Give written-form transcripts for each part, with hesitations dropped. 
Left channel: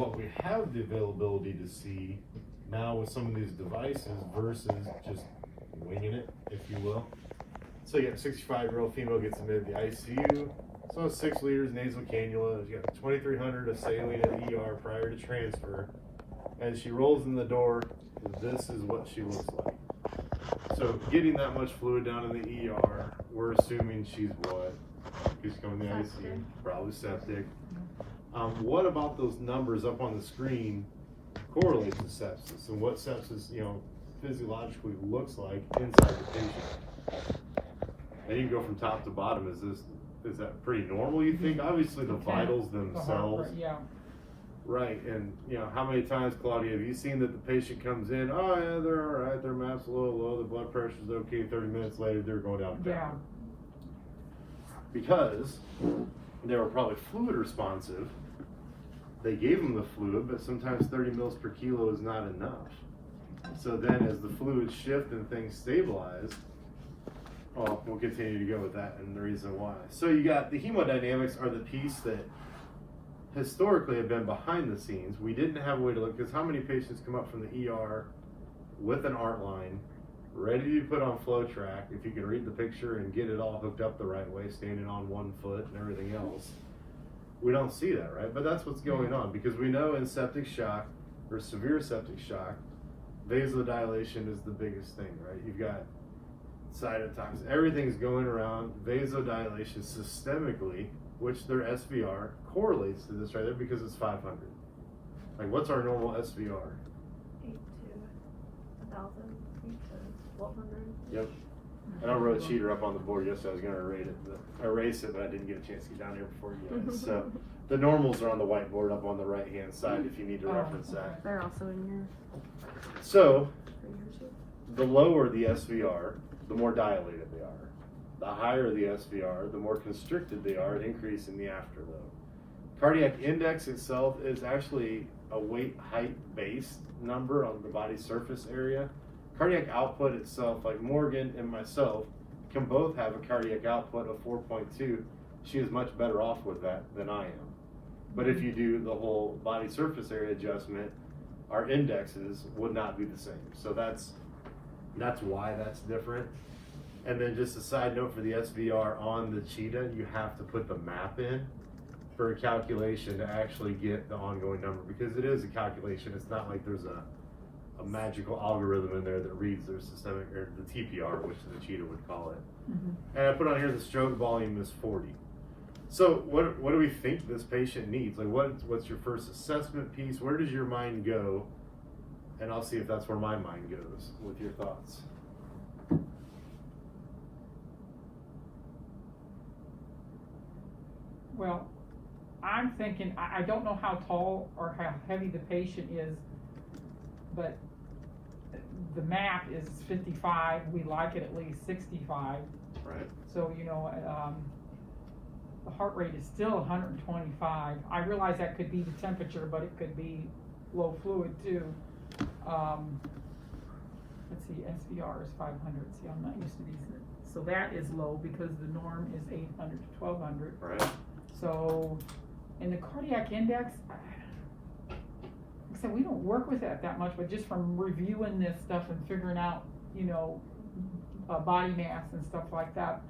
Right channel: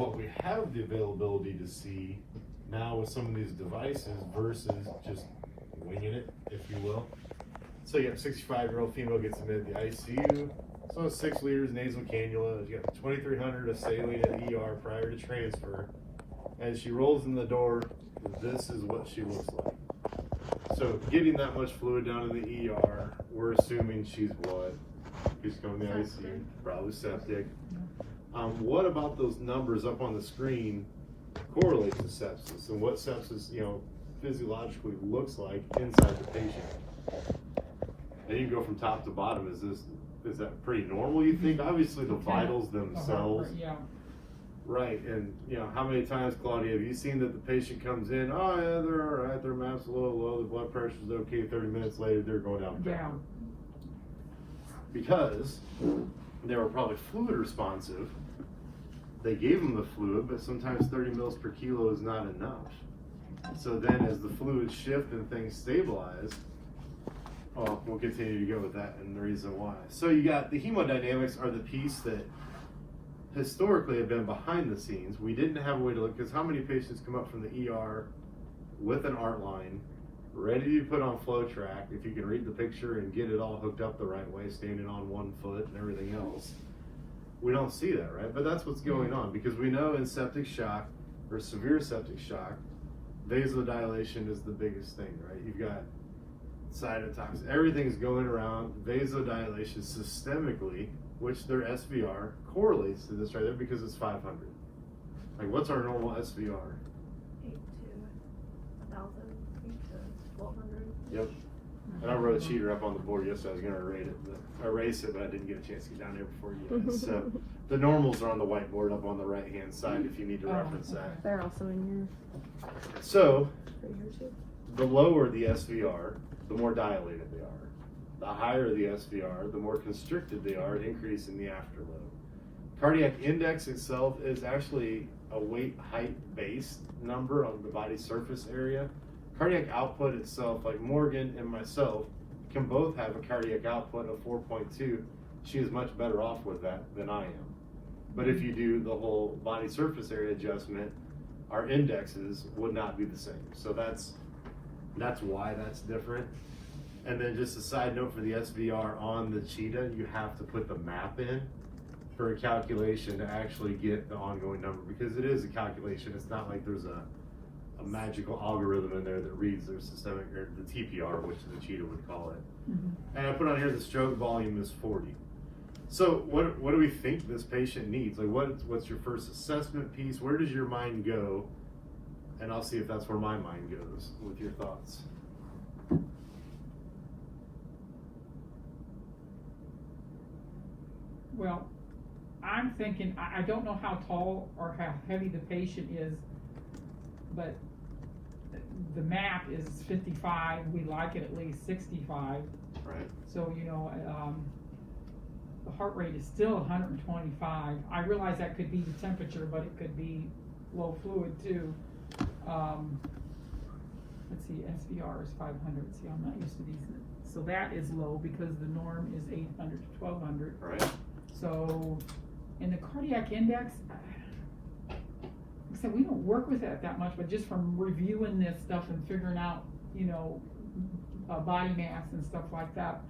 what we have the availability to see now with some of these devices versus just winging it, if you will. So you have a 65-year-old female gets admitted to the ICU. So 6 liters nasal cannula. You got 2,300 of saline at the ER prior to transfer. As she rolls in the door, this is what she looks like. So getting that much fluid down in the ER, we're assuming she's what? She's going to the ICU, probably septic. What about those numbers up on the screen correlate to sepsis, and what sepsis, physiologically looks like inside the patient? And you go from top to bottom. Is that pretty normal, you think? Obviously the vitals themselves. Yeah. Right, and how many times, Claudia, have you seen that the patient comes in, oh yeah, they're all right, their maps a little low, the blood pressure's okay, 30 minutes later they're going down. Yeah. Because they were probably fluid responsive. They gave them the fluid, but sometimes 30 mils per kilo is not enough. So then as the fluids shift and things stabilize, well, we'll continue to go with that and the reason why. So you got the hemodynamics are the piece that historically have been behind the scenes. We didn't have a way to look, because how many patients come up from the ER with an art line, ready to be put on flow track, if you can read the picture and get it all hooked up the right way, standing on one foot and everything else. We don't see that, right? But that's what's going on, because we know in septic shock or severe septic shock, vasodilation is the biggest thing, right? You've got cytotoxic, everything's going around, vasodilation systemically, which their SVR correlates to this right there because it's 500. Like, what's our normal SVR? 8 to 1,000, 8 to 1,200. Yep. And I wrote a cheater up on the board yesterday. I was going to erase it, but I didn't get a chance to get down here before you guys. So the normals are on the whiteboard up on the right-hand side if you need to reference that. They're also in here. So the lower the SVR, the more dilated they are. The higher the SVR, the more constricted they are, an increase in the afterload. Cardiac index itself is actually a weight height based number on the body surface area. Cardiac output itself, like Morgan and myself, can both have a cardiac output of 4.2. She is much better off with that than I am. But if you do the whole body surface area adjustment, our indexes would not be the same. So that's why that's different. And then just a side note for the SVR on the cheetah, you have to put the map in for a calculation to actually get the ongoing number, because it is a calculation. It's not like there's a magical algorithm in there that reads their systemic, or the TPR, which the cheetah would call it. And I put on here the stroke volume is 40. So what do we think this patient needs? Like, what's your first assessment piece? Where does your mind go? And I'll see if that's where my mind goes with your thoughts. Well, I'm thinking, I don't know how tall or how heavy the patient is, but the map is 55. We like it at least 65. Right. So, the heart rate is still 125. I realize that could be the temperature, but it could be low fluid too. Let's see, SVR is 500. See, I'm not used to these. So that is low because the norm is 800 to 1200. Right. So, in the cardiac index, like I said, we don't work with that much, but just from reviewing this stuff and figuring out, body mass and stuff like that,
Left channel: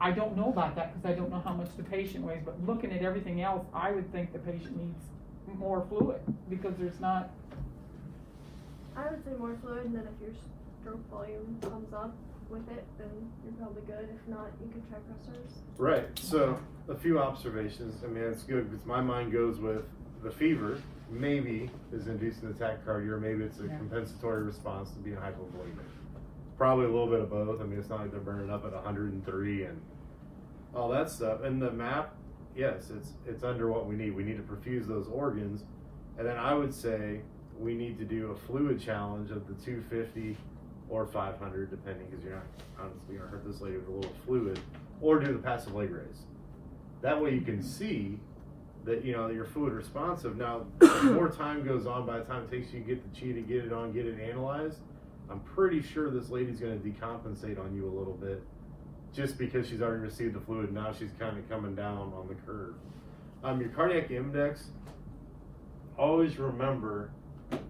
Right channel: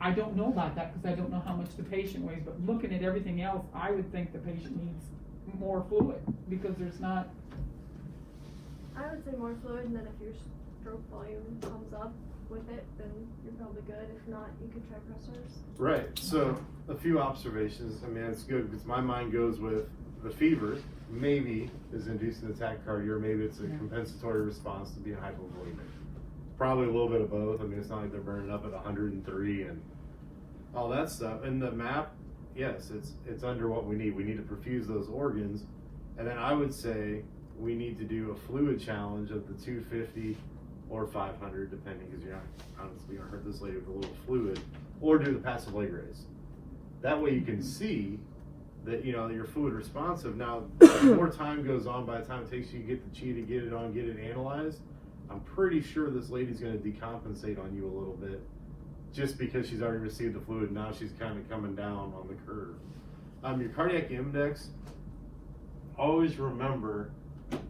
I don't know about that because I don't know how much the patient weighs, but looking at everything else, I would think the patient needs more fluid because there's not. I would say more fluid, and then if your stroke volume comes up with it, then you're probably good. If not, you could try pressors. Right. So a few observations. I mean, it's good because my mind goes with the fever maybe is inducing tachycardia, or maybe it's a compensatory response to being hypovolemic. Probably a little bit of both. I mean, it's not like they're burning up at 103 and all that stuff. And the map, yes, it's under what we need. We need to perfuse those organs. And then I would say we need to do a fluid challenge of the 250 or 500, depending, because you're not, honestly, you're gonna hurt this lady with a little fluid, or do the passive leg raise. That way you can see that, you're fluid responsive. Now, the more time goes on, by the time it takes you to get the cheetah, get it on, get it analyzed, I'm pretty sure this lady's gonna decompensate on you a little bit, just because she's already received the fluid. Now she's kind of coming down on the curve. Your cardiac index, always remember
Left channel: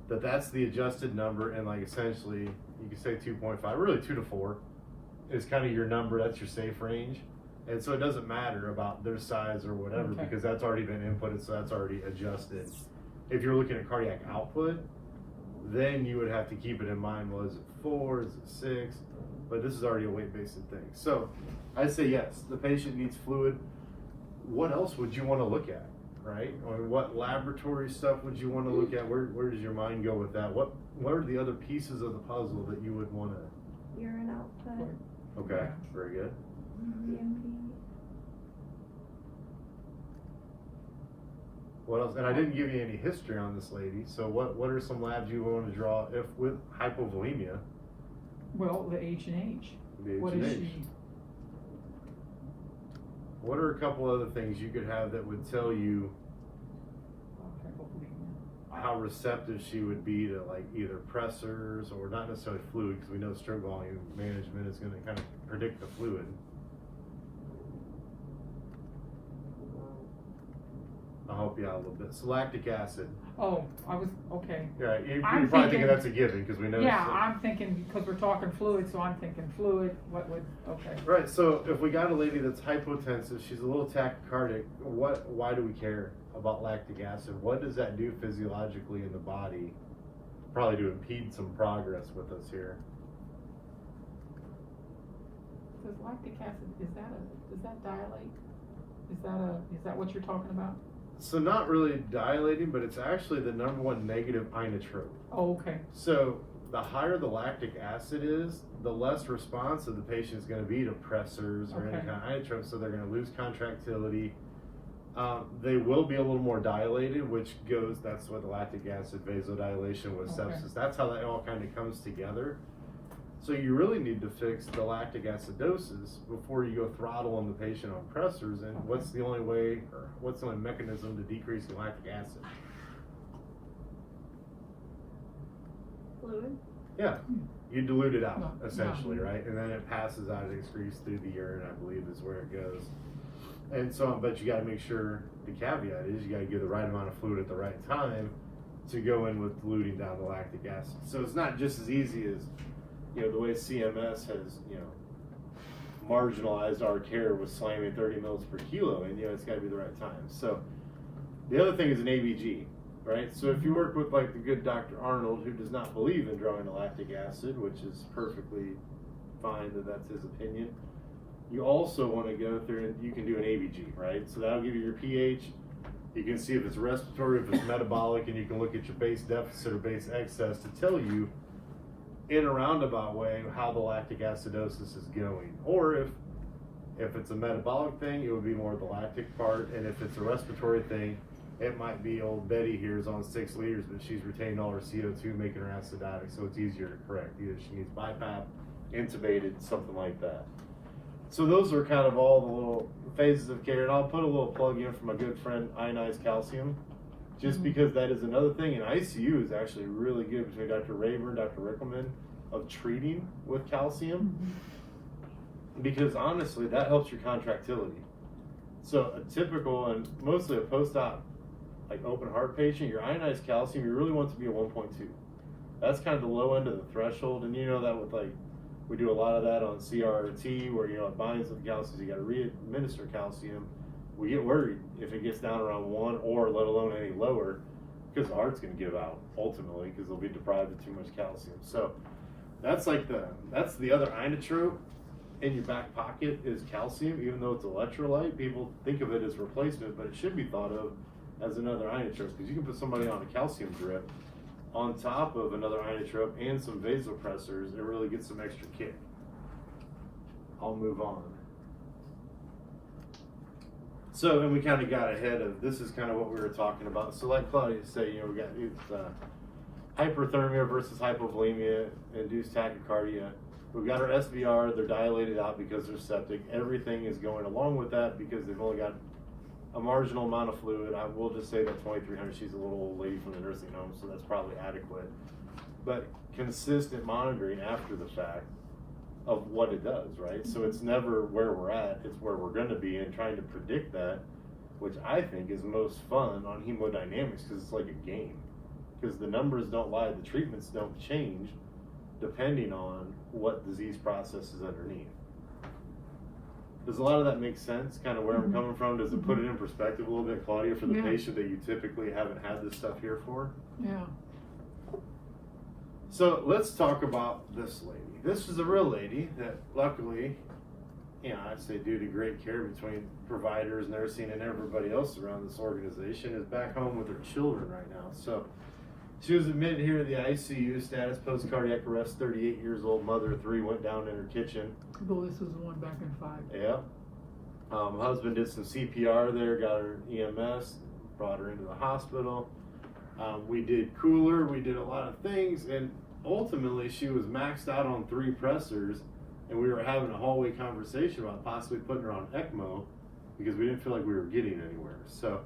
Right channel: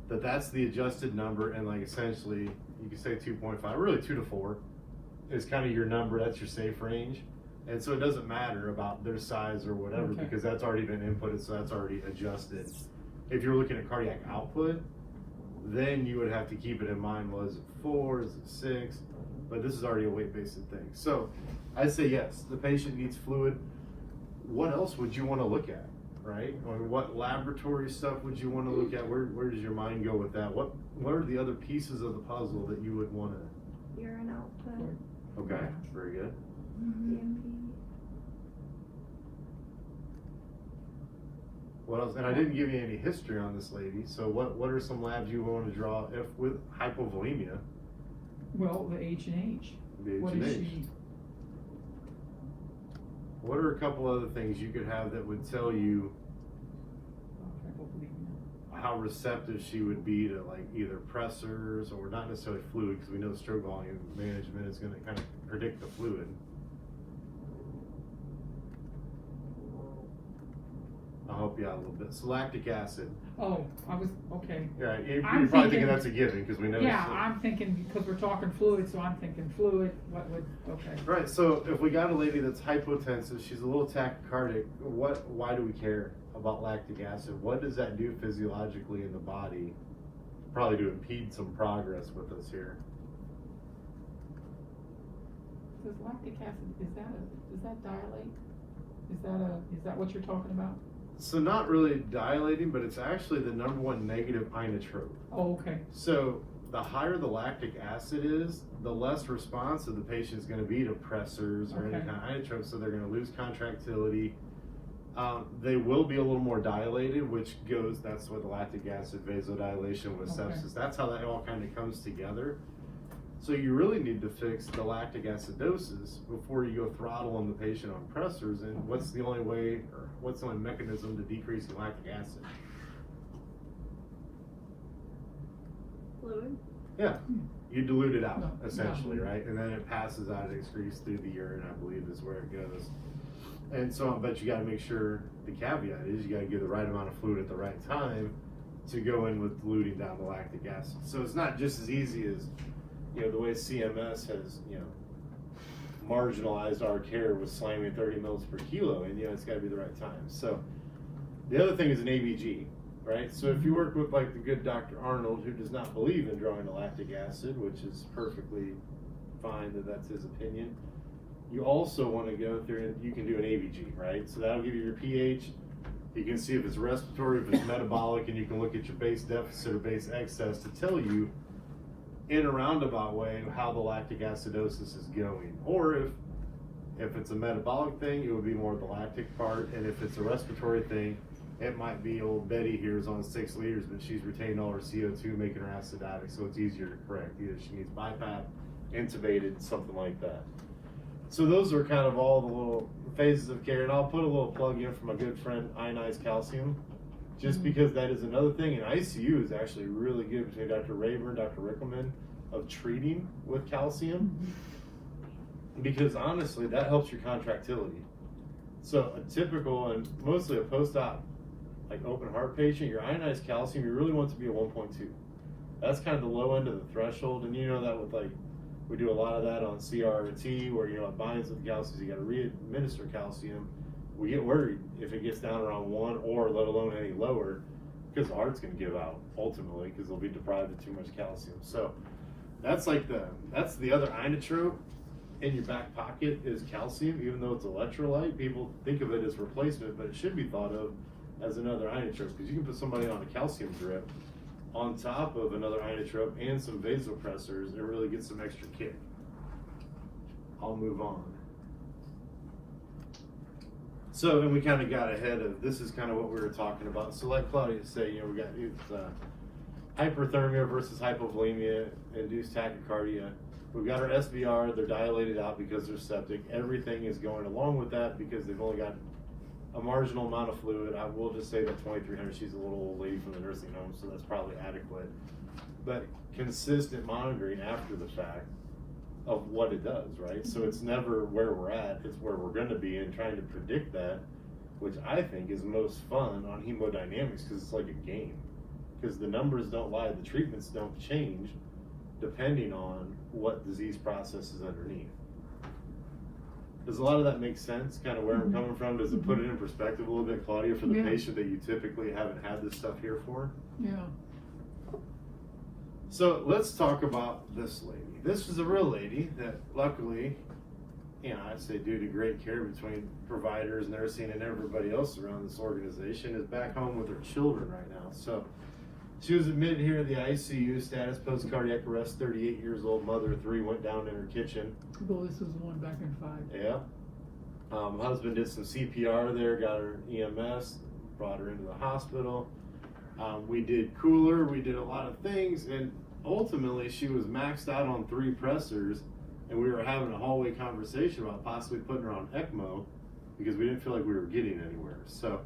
that that's the adjusted number, and like essentially you can say 2.5, really 2 to 4 is kind of your number. That's your safe range. And so it doesn't matter about their size or whatever, Okay. because that's already been inputted, so that's already adjusted. If you're looking at cardiac output, then you would have to keep it in mind, was it 4, is it 6? But this is already a weight-based thing. So I'd say yes, the patient needs fluid. What else would you want to look at, right? Or what laboratory stuff would you want to look at? Where does your mind go with that? What are the other pieces of the puzzle that you would want to? Urine output, Okay, very good. DMP. What else? And I didn't give you any history on this lady. So what are some labs you want to draw if with hypovolemia? Well, the H&H. The What is H&H. she? What are a couple other things you could have that would tell you how receptive she would be to like either pressors or not necessarily fluid, because we know stroke volume management is going to kind of predict the fluid. I'll help you out a little bit. So lactic acid. Oh, I was, okay. Yeah, you're I'm probably thinking thinking- that's a given because we know. Yeah, I'm thinking, because we're talking fluid, so I'm thinking fluid, what would, okay. Right. So if we got a lady that's hypotensive, she's a little tachycardic. Why do we care about lactic acid? What does that do physiologically in the body? Probably to impede some progress with us here. Does lactic acid, does that dilate? Is that what you're talking about? So not really dilating, but it's actually the #1 negative inotrope. Oh, okay. So the higher the lactic acid is, the less responsive the patient is going to be to pressors or any Okay. kind of inotrope, so they're going to lose contractility. They will be a little more dilated, which that's what the lactic acid vasodilation with Okay. sepsis. That's how that all kind of comes together. So you really need to fix the lactic acidosis before you go throttle on the patient on pressors. And what's the only way, or what's the only mechanism to decrease lactic acid? Fluid. Yeah, you dilute it out, No, essentially, no. right? And then it passes out, it excretes through the urine, I believe is where it goes. And so, but you gotta make sure, the caveat is you gotta give the right amount of fluid at the right time to go in with diluting down the lactic acid. So it's not just as easy as, the way CMS has, marginalized our care with slamming 30 mils per kilo, and it's gotta be the right time. So the other thing is an ABG. Right, so if you work with like the good Dr. Arnold, who does not believe in drawing the lactic acid, which is perfectly fine that that's his opinion, you also want to go through and you can do an ABG, right? So that'll give you your pH. You can see if it's respiratory, if it's metabolic, and you can look at your base deficit or base excess to tell you in a roundabout way how the lactic acidosis is going. Or if it's a metabolic thing, it would be more the lactic part, and if it's a respiratory thing, it might be old Betty here is on 6 liters, but she's retained all her CO2, making her acidotic, so it's easier to correct. Either she needs BiPAP, intubated, something like that. So those are kind of all the little phases of care, and I'll put a little plug in for my good friend ionized calcium, just because that is another thing, and ICU is actually really good between Dr. Raver and Dr. Rickelman of treating with calcium, because honestly, that helps your contractility. So a typical, and mostly a post-op, like open heart patient, your ionized calcium, you really want to be a 1.2. That's kind of the low end of the threshold, and you know that with like, we do a lot of that on CRT, where it binds with calcium, you got to re-administer calcium. We get worried if it gets down around 1, or let alone any lower, because the heart's going to give out ultimately, because they'll be deprived of too much calcium. So that's the other inotrope in your back pocket is calcium. Even though it's electrolyte, people think of it as replacement, but it should be thought of as another inotrope, because you can put somebody on a calcium drip on top of another inotrope and some vasopressors and really get some extra kick. I'll move on. So, and we kind of got ahead of, this is kind of what we were talking about. So like Claudia said, we got hyperthermia versus hypovolemia, induced tachycardia. We've got our SVR, they're dilated out because they're septic. Everything is going along with that because they've only got a marginal amount of fluid. I will just say that 2300, she's a little old lady from the nursing home, so that's probably adequate. But consistent monitoring after the fact of what it does, right? So it's never where we're at, it's where we're going to be, and trying to predict that which I think is most fun on hemodynamics because it's like a game. Because the numbers don't lie, the treatments don't change depending on what disease process is underneath. Does a lot of that make sense, kind of where I'm coming from? Does it put it in perspective a little bit, Claudia, for the patient that you typically haven't had this stuff here for? Yeah. So let's talk about this lady. This is a real lady that luckily, you know, I'd say due to great care between providers, nursing, and everybody else around this organization, is back home with her children right now. So she was admitted here in the ICU, status post-cardiac arrest, 38 years old, mother of 3, went down in her kitchen. Well, this was the one back in 5. Yeah. Husband did some CPR there, got her EMS, brought her into the hospital. We did cooler, we did a lot of things, and ultimately she was maxed out on 3 pressors, and we were having a hallway conversation about possibly putting her on ECMO because we didn't feel like we were getting anywhere. So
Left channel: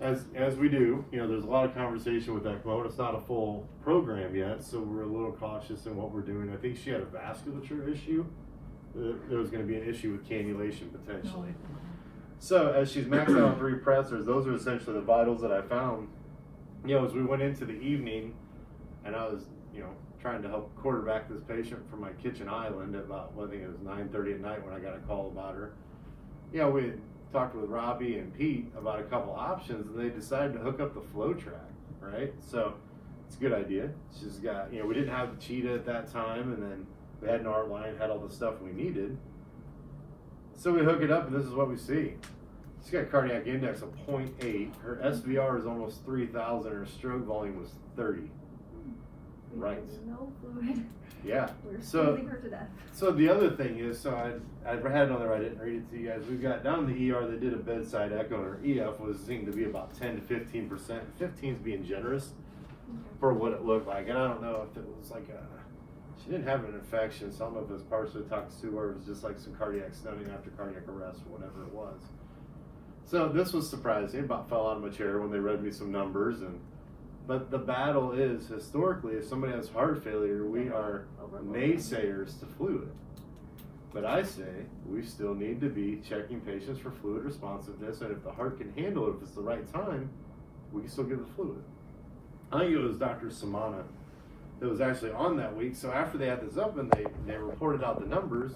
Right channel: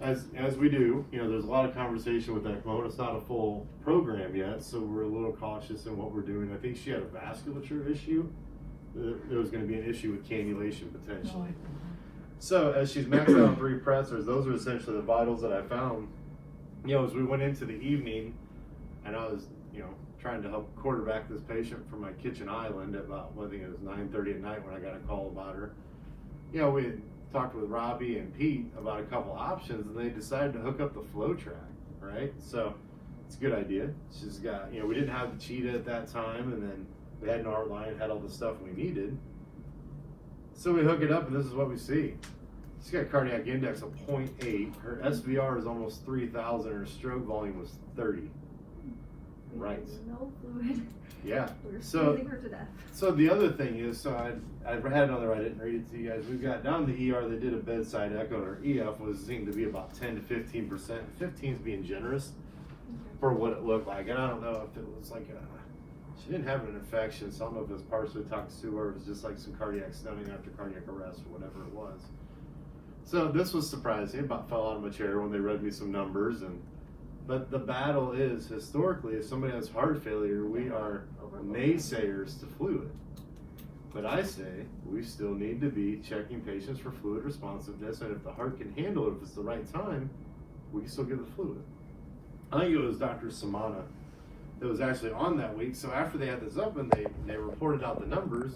as we do, you know, there's a lot of conversation with ECMO, and it's not a full program yet, so we're a little cautious in what we're doing. I think she had a vasculature issue. There was going to be an issue with cannulation potentially. So as she's maxed out on 3 pressors, those are essentially the vitals that I found. You know, as we went into the evening, and I was, you know, trying to help quarterback this patient from my kitchen island at about, I think it was 9:30 at night when I got a call about her. You know, we talked with Robbie and Pete about a couple options, and they decided to hook up the flow track, right? So it's a good idea. She's got, you know, we didn't have the cheetah at that time, and then we had an art line, had all the stuff we needed. So we hook it up, and this is what we see. She's got a cardiac index of 0.8. Her SVR is almost 3,000. Her stroke volume was 30. Right. No fluid. Yeah. We're So squeezing her to death. So the other thing is, so I had it on there, I didn't read it to you guys. We got down to the ER, they did a bedside echo, and her EF was seemed to be about 10 to 15%. 15 is being generous for what it looked like. And I don't know if it was like she didn't have an infection, so I don't know if it was partially toxic or it was just like some cardiac stenosis after cardiac arrest or whatever it was. So this was surprising. About fell out of my chair when they read me some numbers. But the battle is, historically, if somebody has heart failure, we are naysayers to fluid. But I say we still need to be checking patients for fluid responsiveness, and if the heart can handle it, if it's the right time, we can still give the fluid. I think it was Dr. Samana that was actually on that week. So after they had this up and they reported out the numbers,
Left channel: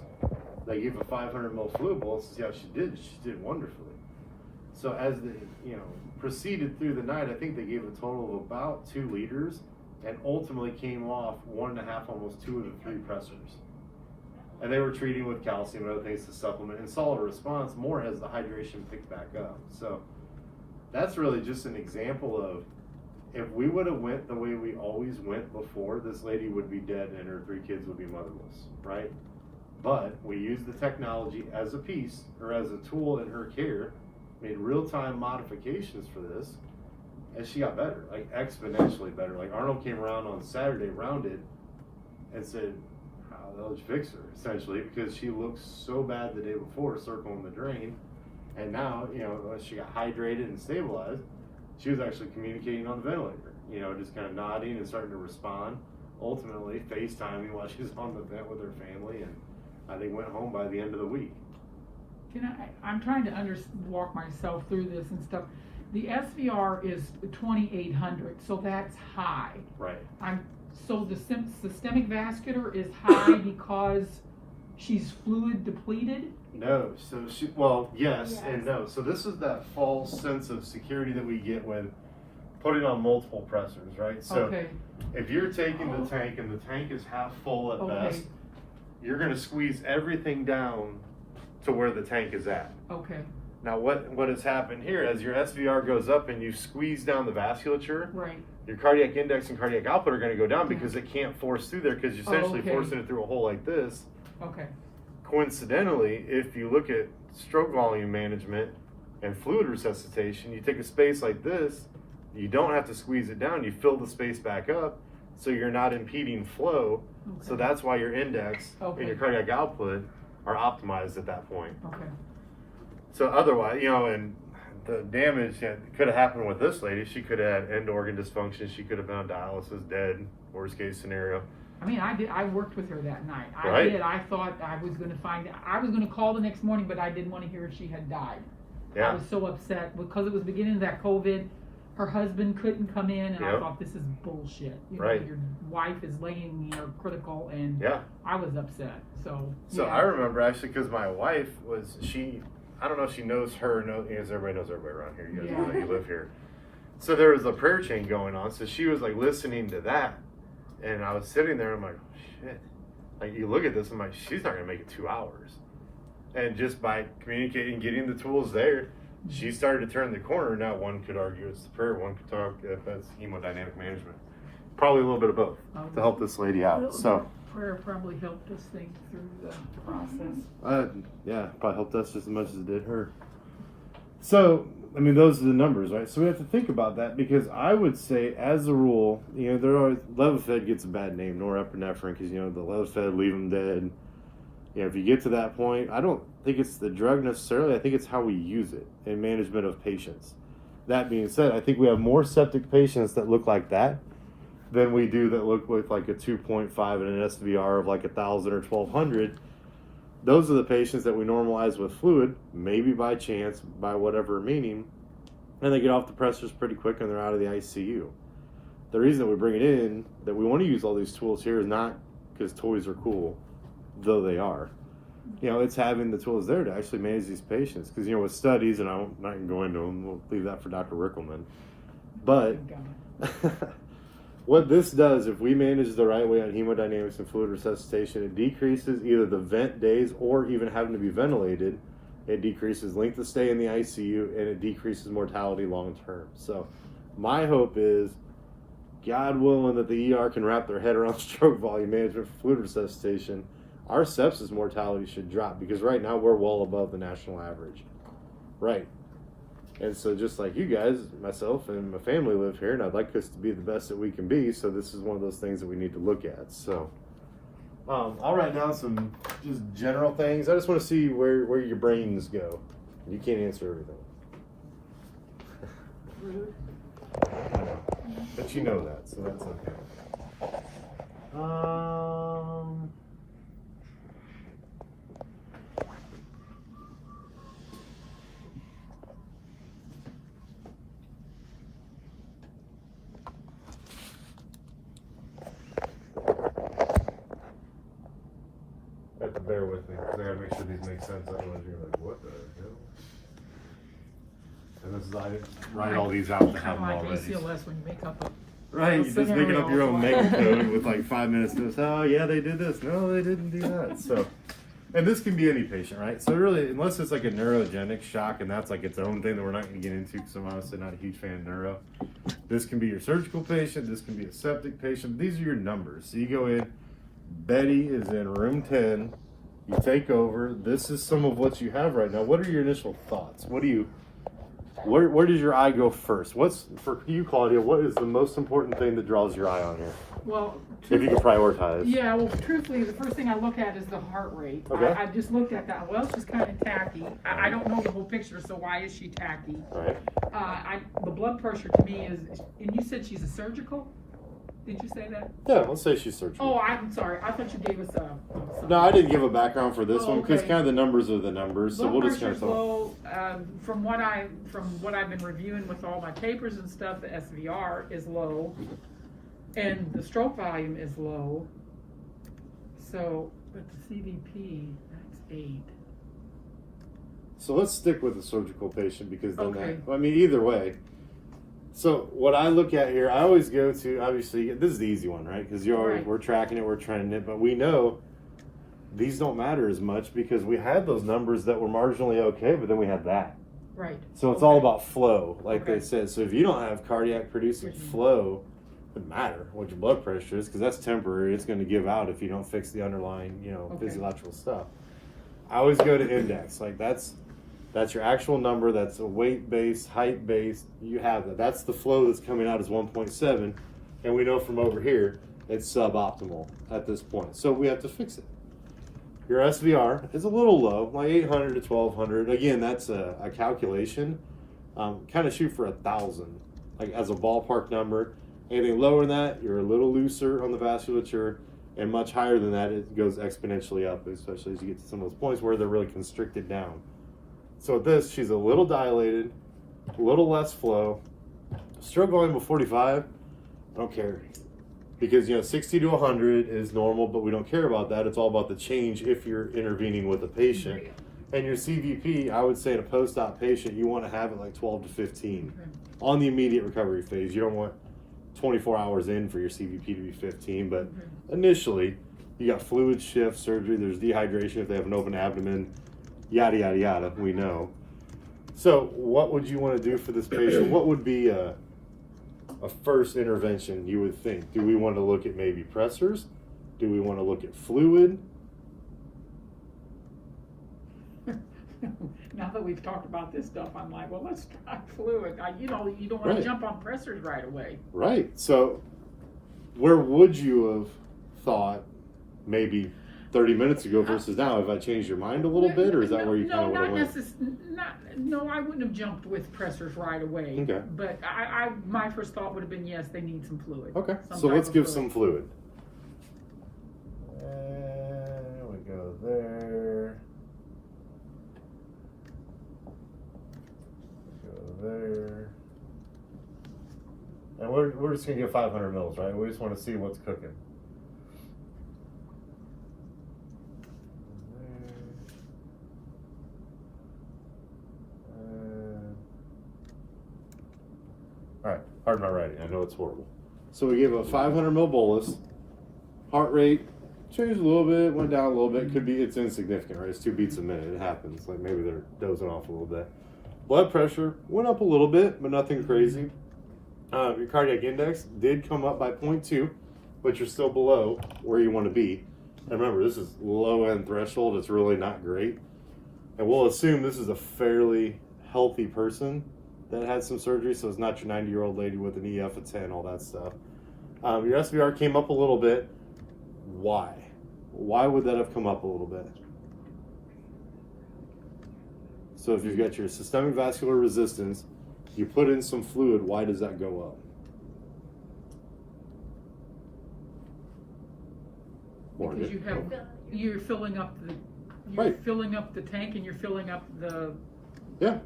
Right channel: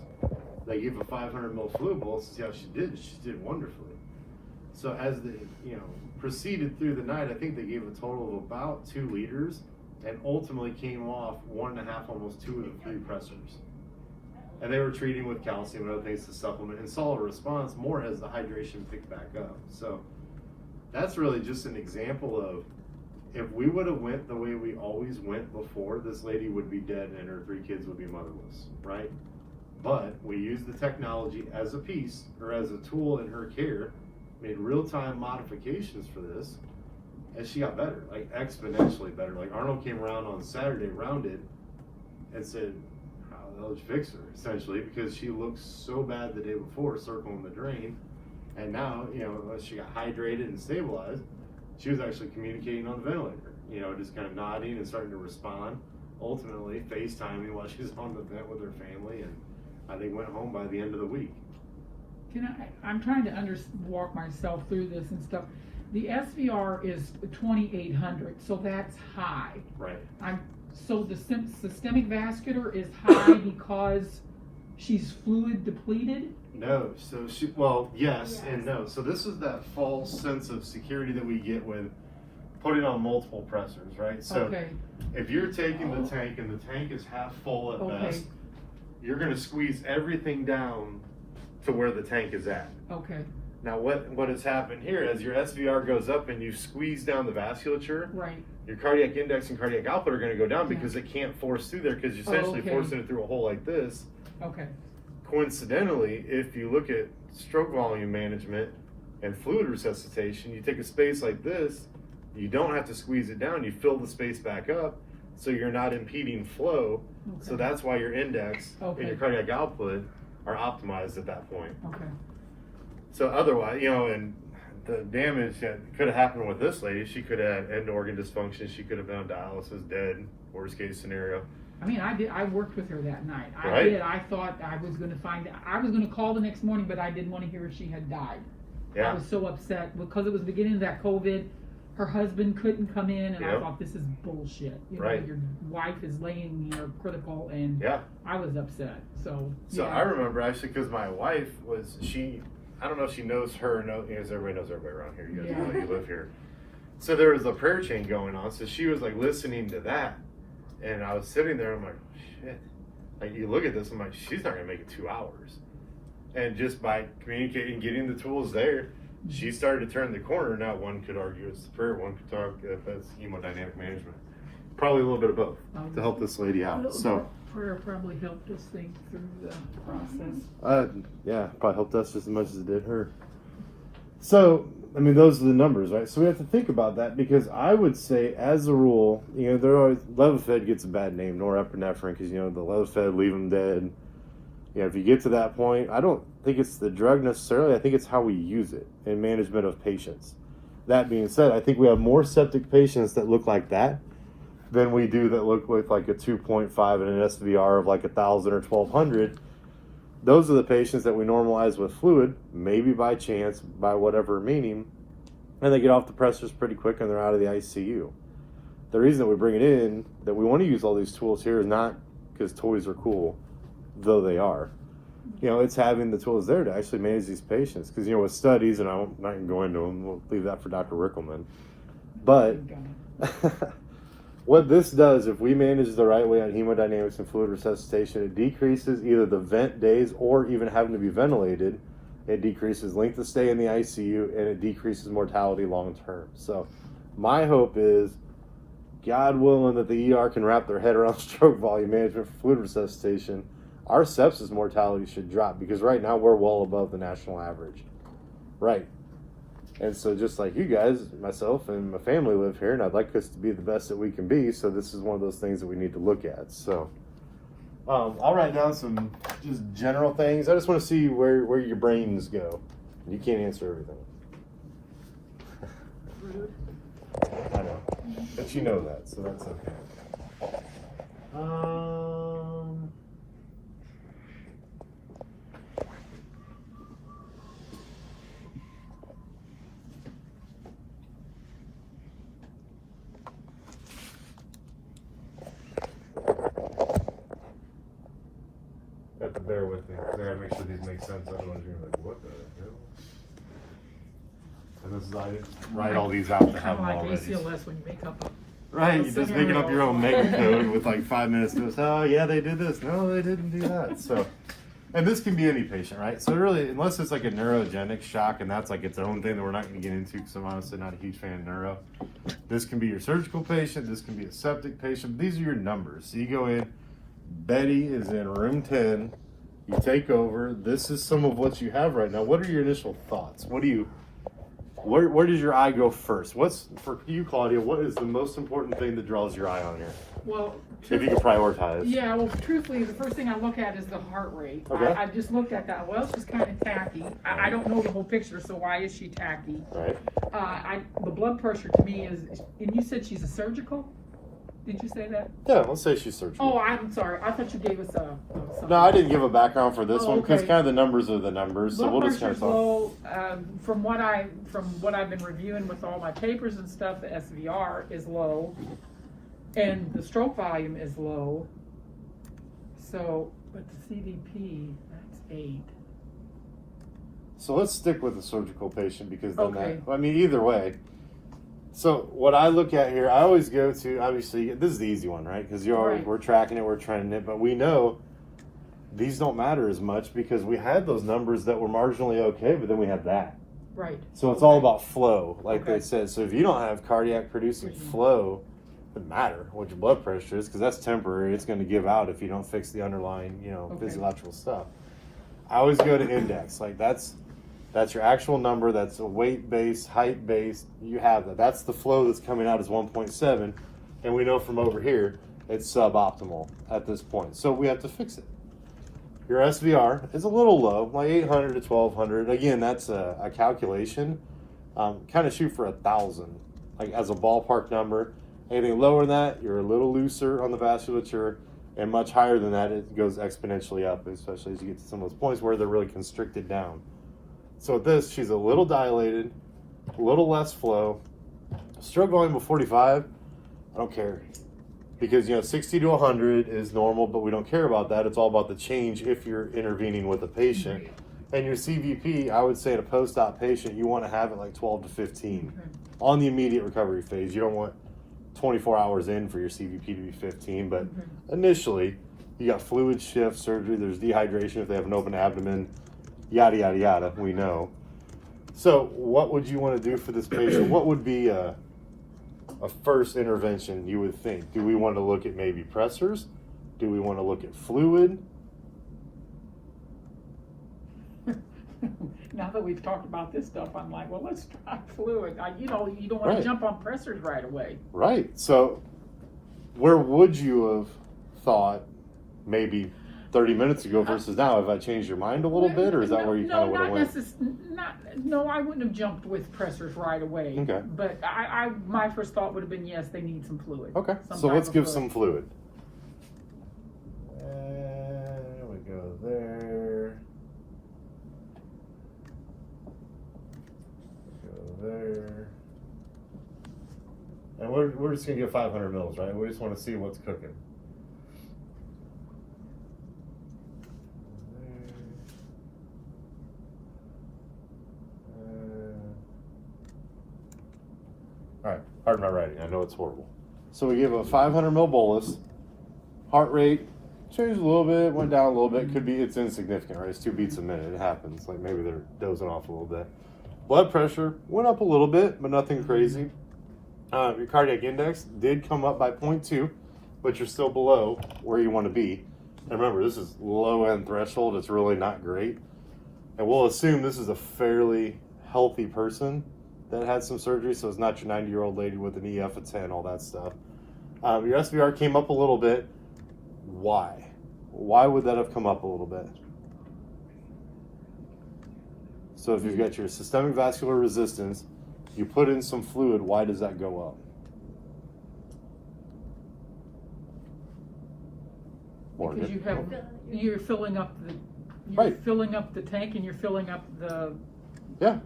they gave a 500 ml fluid bolus to see how she did. She did wonderfully. So as they, you know, proceeded through the night, I think they gave a total of about 2 liters and ultimately came off 1.5, almost 2 of the 3 pressors. And they were treating with calcium and other things to supplement and saw a response more as the hydration picked back up. So that's really just an example of, if we would have went the way we always went before, this lady would be dead and her 3 kids would be motherless, right? But we used the technology as a piece or as a tool in her care, made real-time modifications for this, and she got better, like exponentially better. Like Arnold came around on Saturday, rounded, and said, how the hell did you fix her, essentially, because she looked so bad the day before, circling the drain, and now, you know, she got hydrated and stabilized. She was actually communicating on the ventilator, you know, just kind of nodding and starting to respond, ultimately FaceTiming while she was on the vent with her family, and they went home by the end of the week. I'm trying to walk myself through this and stuff. The SVR is 2,800, so that's high. Right. So the systemic vascular is high because she's fluid depleted? No. So yes and no. So this is that false sense of security that we get with putting on multiple pressors, right? So if you're taking the tank and the tank is half full at best, you're going to squeeze everything down to where the tank is at. Okay. Now what has happened here, as your SVR goes up and you squeeze down the vasculature, right, your cardiac index and cardiac output are going to go down because it can't force through there because you're essentially forcing it through a hole like this. Okay. Coincidentally, if you look at stroke volume management and fluid resuscitation, you take a space like this, you don't have to squeeze it down, you fill the space back up so you're not impeding flow. So that's why your index and your cardiac output are optimized at that point. Okay. So otherwise, you know, and the damage that could have happened with this lady, she could have had end organ dysfunction, she could have been on dialysis, dead, worst case scenario. I mean, I worked with her that night. Right. I thought I was going to find out. I was going to call the next morning, but I didn't want to hear she had died. Yeah. I was so upset because it was the beginning of that COVID. Her husband couldn't come in, and Yep. I thought, this is bullshit. You know, Right. your wife is laying, critical, and Yeah. I was upset. So So yeah. I remember actually because my wife was, I don't know if she knows her, because everybody knows everybody around here. You guys know you live here. So there was a prayer chain going on. So she was like listening to that. And I was sitting there, I'm like, shit. Like you look at this, I'm like, she's not going to make it 2 hours. And just by communicating, getting the tools there, she started to turn the corner. Now one could argue it's the prayer, one could talk if that's hemodynamic management. Probably a little bit of both to help this lady out. So prayer probably helped us think through the process. yeah, probably helped us just as much as it did her. So, I mean, those are the numbers, right? So we have to think about that because I would say, as a rule, they're always, Levophed gets a bad name, norepinephrine, because, the Levophed, leave them dead. If you get to that point, I don't think it's the drug necessarily. I think it's how we use it in management of patients. That being said, I think we have more septic patients that look like that than we do that look with like a 2.5 and an SVR of like 1,000 or 1,200. Those are the patients that we normalize with fluid, maybe by chance, by whatever meaning, and they get off the pressors pretty quick and they're out of the ICU. The reason that we bring it in, that we want to use all these tools here, is not because toys are cool, though they are. It's having the tools there to actually manage these patients. Because, with studies, and I'm not going to go into them, we'll leave that for Dr. Rickelman. But what this does, if we manage the right way on hemodynamics and fluid resuscitation, it decreases either the vent days or even having to be ventilated. It decreases length of stay in the ICU, and it decreases mortality long term. So my hope is, God willing, that the ER can wrap their head around stroke volume management for fluid resuscitation. Our sepsis mortality should drop, because right now we're well above the national average. Right. And so just like you guys, myself and my family live here, and I'd like us to be the best that we can be. So this is one of those things that we need to look at. So I'll write down some just general things. I just want to see where your brains go. You can't answer everything. I know. But you know that, so that's okay. Have to bear with me. I gotta make sure these make sense. Otherwise, you're like, what the hell? And this is, I didn't write all these out to have them Like already. ACLS when you make up a Right, you're just making up your own mega code with like 5 minutes to this. Oh, yeah, they did this. No, they didn't do that. So, and this can be any patient, right? So really, unless it's like a neurogenic shock, and that's like its own thing that we're not going to get into, because I'm honestly not a huge fan of neuro. This can be your surgical patient. This can be a septic patient. These are your numbers. So you go in. Betty is in room 10. You take over. This is some of what you have right now. What are your initial thoughts? What do you? Where does your eye go first? What's, for you, Claudia, what is the most important thing that draws your eye on here? Well, If you can prioritize. yeah, well, truthfully, the first thing I look at is the heart rate. Okay. I just looked at that. Well, she's kind of tacky. I don't know the whole picture, so why is she tacky? Right. The blood pressure to me is, and you said she's a surgical? Did you say that? Yeah, let's say she's surgical. Oh, I'm sorry. I thought you gave us a. No, I didn't give a background for this one because okay. kind of the numbers are the numbers. So Blood we'll just kind of pressure's talk. low. From what I've been reviewing with all my papers and stuff, the SVR is low, and the stroke volume is low. So, but the CVP, that's 8. So let's stick with the surgical patient because then Okay. I mean, either way. So what I look at here, I always go to, obviously, this is the easy one, right? Because Right. we're tracking it, we're trending it, but we know these don't matter as much because we had those numbers that were marginally okay, but then we had that. Right. So it's all Okay. about flow, like Okay. they said. So if you don't have cardiac producing flow, it doesn't matter what your blood pressure is because that's temporary. It's going to give out if you don't fix the underlying, Okay. physiological stuff. I always go to index. Like that's your actual number. That's a weight based, height based. You have that. That's the flow that's coming out is 1.7, and we know from over here it's suboptimal at this point. So we have to fix it. Your SVR is a little low, like 800 to 1200. Again, that's a calculation. Kind of shoot for 1,000, like as a ballpark number. Anything lower than that, you're a little looser on the vasculature, and much higher than that, it goes exponentially up, especially as you get to some of those points where they're really constricted down. So with this, she's a little dilated, a little less flow. Stroke volume of 45, I don't care. Because, 60 to 100 is normal, but we don't care about that. It's all about the change if you're intervening with a patient. And your CVP, I would say in a post-op patient, you want to have it like 12 to 15 on the immediate recovery phase. You don't want 24 hours in for your CVP to be 15, but initially, you got fluid shift surgery, there's dehydration if they have an open abdomen, yada, yada, yada, we know. So what would you want to do for this patient? What would be a first intervention you would think? Do we want to look at maybe pressors? Do we want to look at fluid? Now that we've talked about this stuff, I'm like, well, let's try fluid. You don't want to jump on pressors right away. Right. So where would you have thought maybe 30 minutes ago versus now? Have I changed your mind a little bit, or is that where you kind of would have went? No, I wouldn't have jumped with pressors right away. Okay. But my first thought would have been, yes, they need some fluid. Okay. So let's give some fluid. And we go there. There. And we're just gonna get 500 mils, right? We just want to see what's cooking. All right, pardon my writing. I know it's horrible. So we gave a 500 mil bolus. Heart rate changed a little bit, went down a little bit. It's insignificant, right? It's 2 beats a minute. It happens. Like maybe they're dozing off a little bit. Blood pressure went up a little bit, but nothing crazy. Your cardiac index did come up by 0.2, but you're still below where you want to be. And remember, this is low end threshold. It's really not great. And we'll assume this is a fairly healthy person that had some surgery, so it's not your 90-year-old lady with an EF of 10, all that stuff. Your SVR came up a little bit. Why? Why would that have come up a little bit? So if you've got your systemic vascular resistance, you put in some fluid, why does that go up? Because you're filling up the filling up the tank, and you're filling up the veins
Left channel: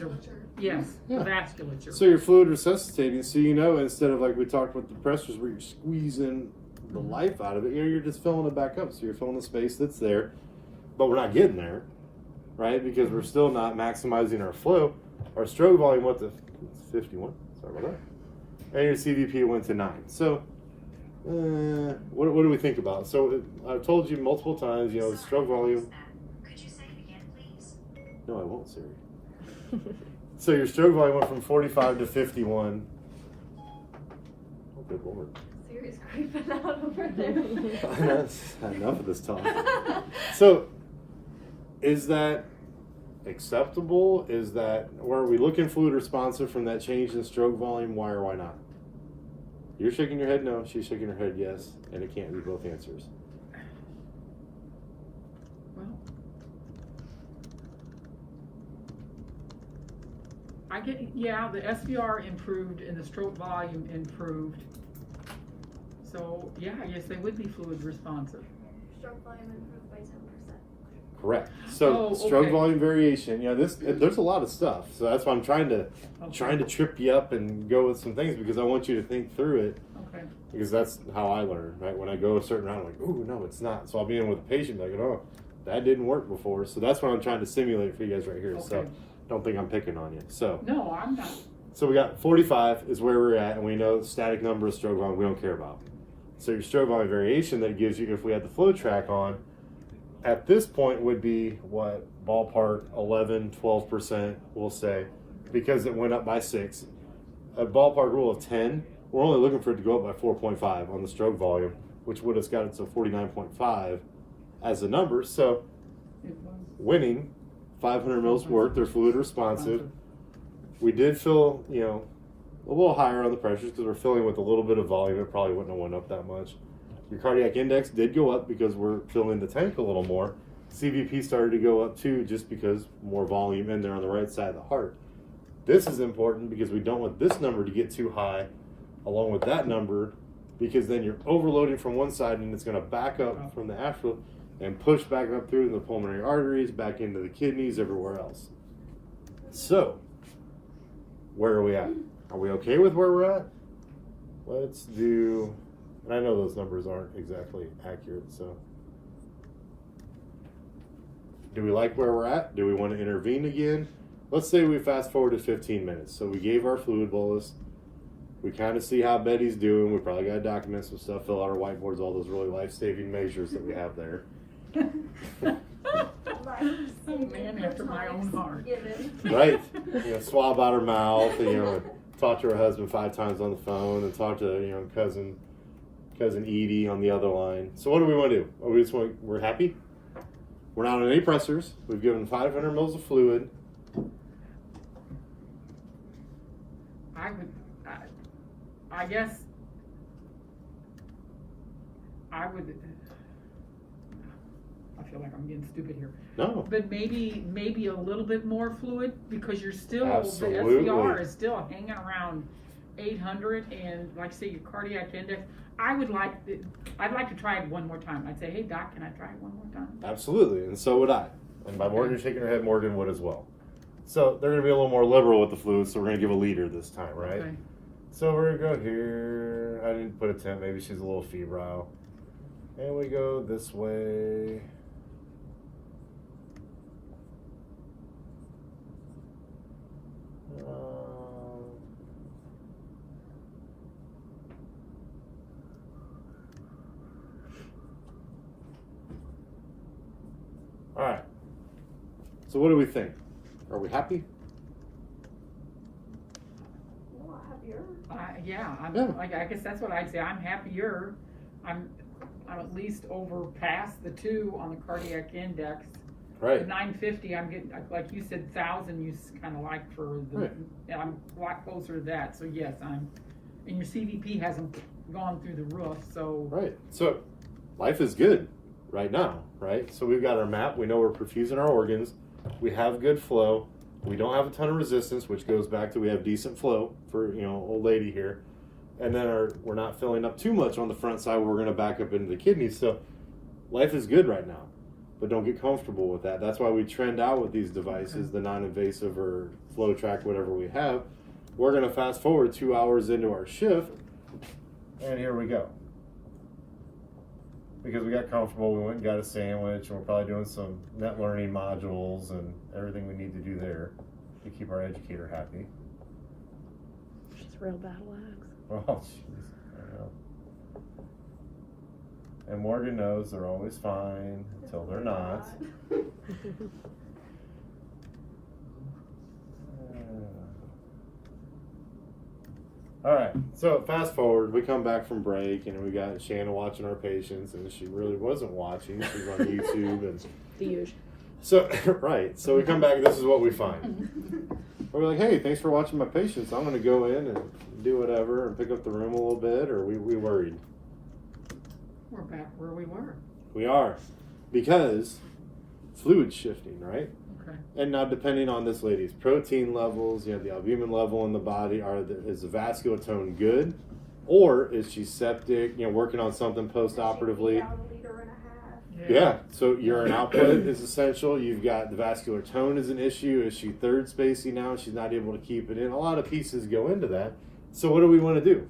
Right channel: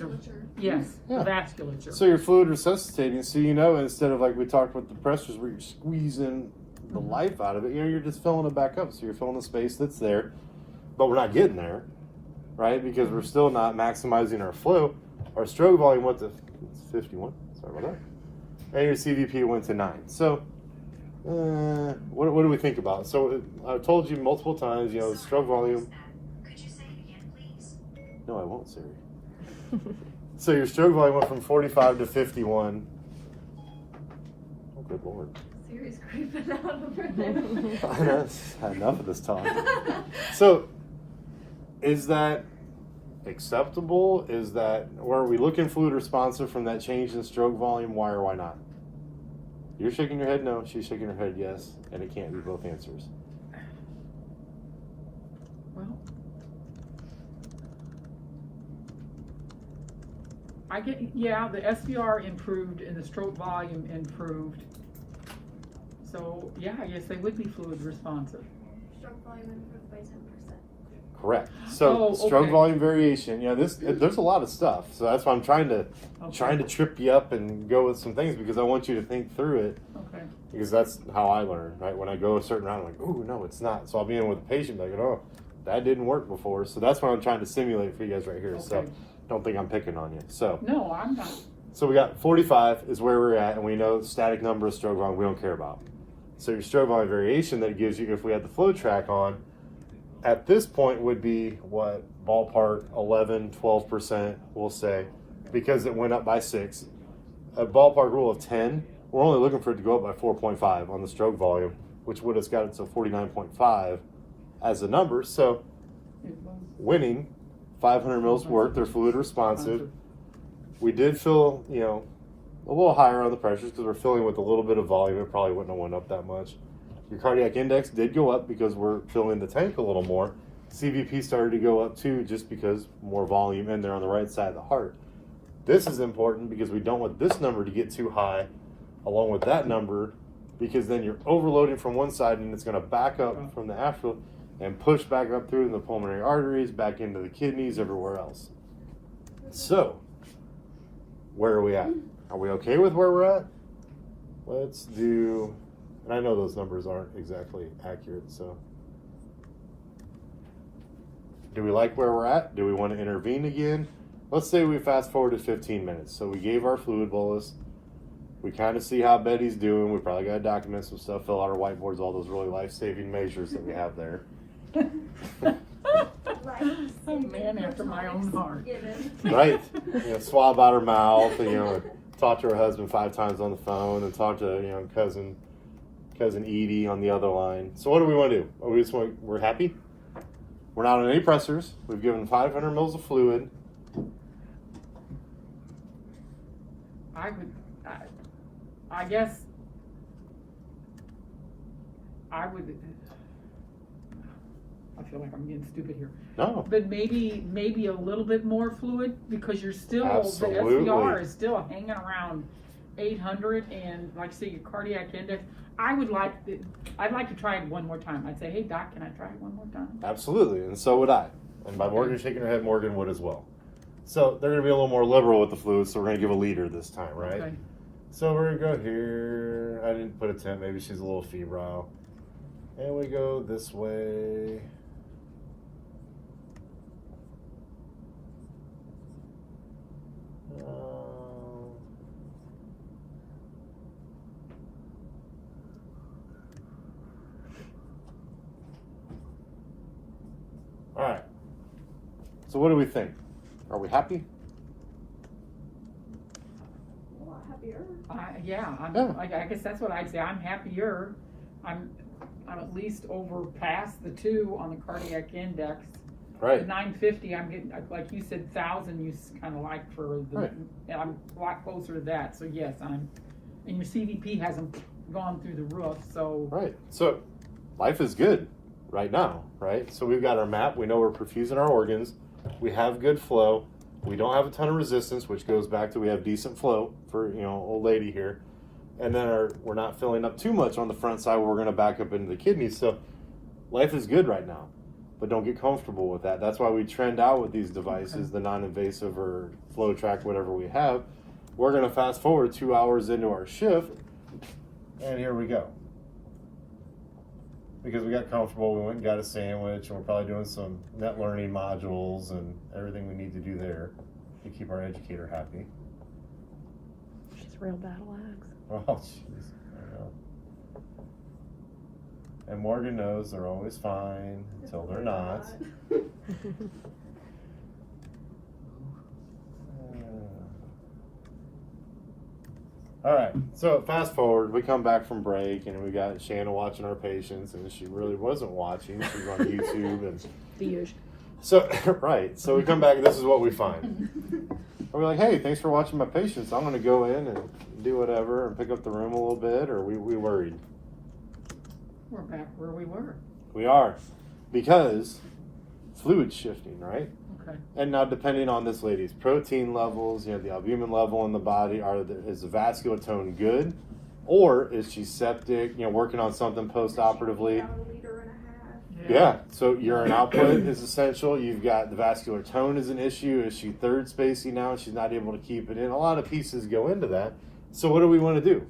or the vasculature. So you're fluid resuscitating, so instead of like we talked with the pressors where you're squeezing the life out of it, you're just filling it back up. So you're filling the space that's there, but we're not getting there. Right, because we're still not maximizing our flow. Our stroke volume went to 51. Sorry about that. And your CVP went to 9. So, what do we think about? So, I've told you multiple times, stroke volume. Could you say it again, please? No, I won't, Siri. So your stroke volume went from 45 to 51. Oh, good lord. Siri's creeping out over there. I've had enough of this talk. So, is that acceptable? Or are we looking fluid responsive from that change in stroke volume? Why or why not? You're shaking your head no, she's shaking her head yes, and it can't be both answers. Well, the SVR improved and the stroke volume improved. So I guess they would be fluid responsive. Stroke volume improved by 10%. Correct. So stroke volume variation. There's a lot of stuff. So that's why I'm trying to trip you up and go with some things, because I want you to think through it. Okay. Because that's how I learn, right? When I go a certain round, I'm like, oh no, it's not. So I'll be in with a patient like, oh, that didn't work before. So that's what I'm trying to simulate for you guys right here. Okay. So don't think I'm picking on you. So no, I'm not. So we got 45 is where we're at, and we know static number of stroke volume we don't care about. So your stroke volume variation that it gives you, if we had the flow track on, at this point would be what, ballpark 11, 12%, we'll say, because it went up by 6. A ballpark rule of 10, we're only looking for it to go up by 4.5 on the stroke volume, which would have got it to 49.5 as a number. So winning 500 mils worth, they're fluid responsive. We did fill, a little higher on the pressures because we're filling with a little bit of volume. It probably wouldn't have went up that much. Your cardiac index did go up because we're filling the tank a little more. CVP started to go up too, just because more volume in there on the right side of the heart. This is important because we don't want this number to get too high along with that number, because then you're overloading from one side and it's going to back up from the after. and push back up through the pulmonary arteries, back into the kidneys, everywhere else. So, where are we at? Are we okay with where we're at? Let's do, and I know those numbers aren't exactly accurate, so. Do we like where we're at? Do we want to intervene again? Let's say we fast forward to 15 minutes. So we gave our fluid bolus. We kind of see how Betty's doing. We probably got to document some stuff, fill out our whiteboards, all those really life-saving measures that we have there. A man after my own heart. Right. Swab out her mouth, talk to her husband 5 times on the phone, and talk to, cousin Edie on the other line. So what do we want to do? We're happy? We're not on any pressors. We've given 500 mils of fluid. I guess I would. I feel like I'm getting stupid here. No. But maybe a little bit more fluid, because you're still, Absolutely. the SVR is still hanging around 800, and like say your cardiac index. I'd like to try it one more time. I'd say, hey doc, can I try it one more time? Absolutely, and so would I. And by Morgan shaking her head, Morgan would as well. So they're going to be a little more liberal with the fluid, so we're going to give a liter this time, right? Okay. So we're going to go here. I didn't put a temp. Maybe she's a little febrile. And we go this way. All right. So what do we think? Are we happy? A lot happier. I guess that's what I'd say. I'm happier. I'm at least over past the 2 on the cardiac index. Right. 950. I'm getting, like you said, 1,000. You kind of like for the. Right. I'm a lot closer to that. So yes, and your CVP hasn't gone through the roof. So. Right. So life is good right now, right? So we've got our map. We know we're perfusing our organs. We have good flow. We don't have a ton of resistance, which goes back to we have decent flow for, old lady here. And then we're not filling up too much on the front side where we're going to back up into the kidneys. So life is good right now, but don't get comfortable with that. That's why we trend out with these devices, the non-invasive or flow track, whatever we have. We're going to fast forward 2 hours into our shift, and here we go. Because we got comfortable, we went and got a sandwich, and we're probably doing some net learning modules and everything we need to do there to keep our educator happy. She's real battle axe. Oh, jeez, I know. And Morgan knows they're always fine until they're not. All right, so fast forward, we come back from break, and we got Shanna watching our patients, and she really wasn't watching. She was on YouTube, and The usual. so right. So we come back, and this is what we find. And we're like, hey, thanks for watching my patients. I'm going to go in and do whatever and pick up the room a little bit, or we worried? We're back where we were. We are, because fluid shifting, right? Okay. And now, depending on this lady's protein levels, the albumin level in the body, is the vascular tone good, or is she septic? Working on something post-operatively. About a liter and a half. Yeah. So urine output is essential. You've got the vascular tone is an issue. Is she third spacing now? She's not able to keep it in. A lot of pieces go into that. So what do we want to do?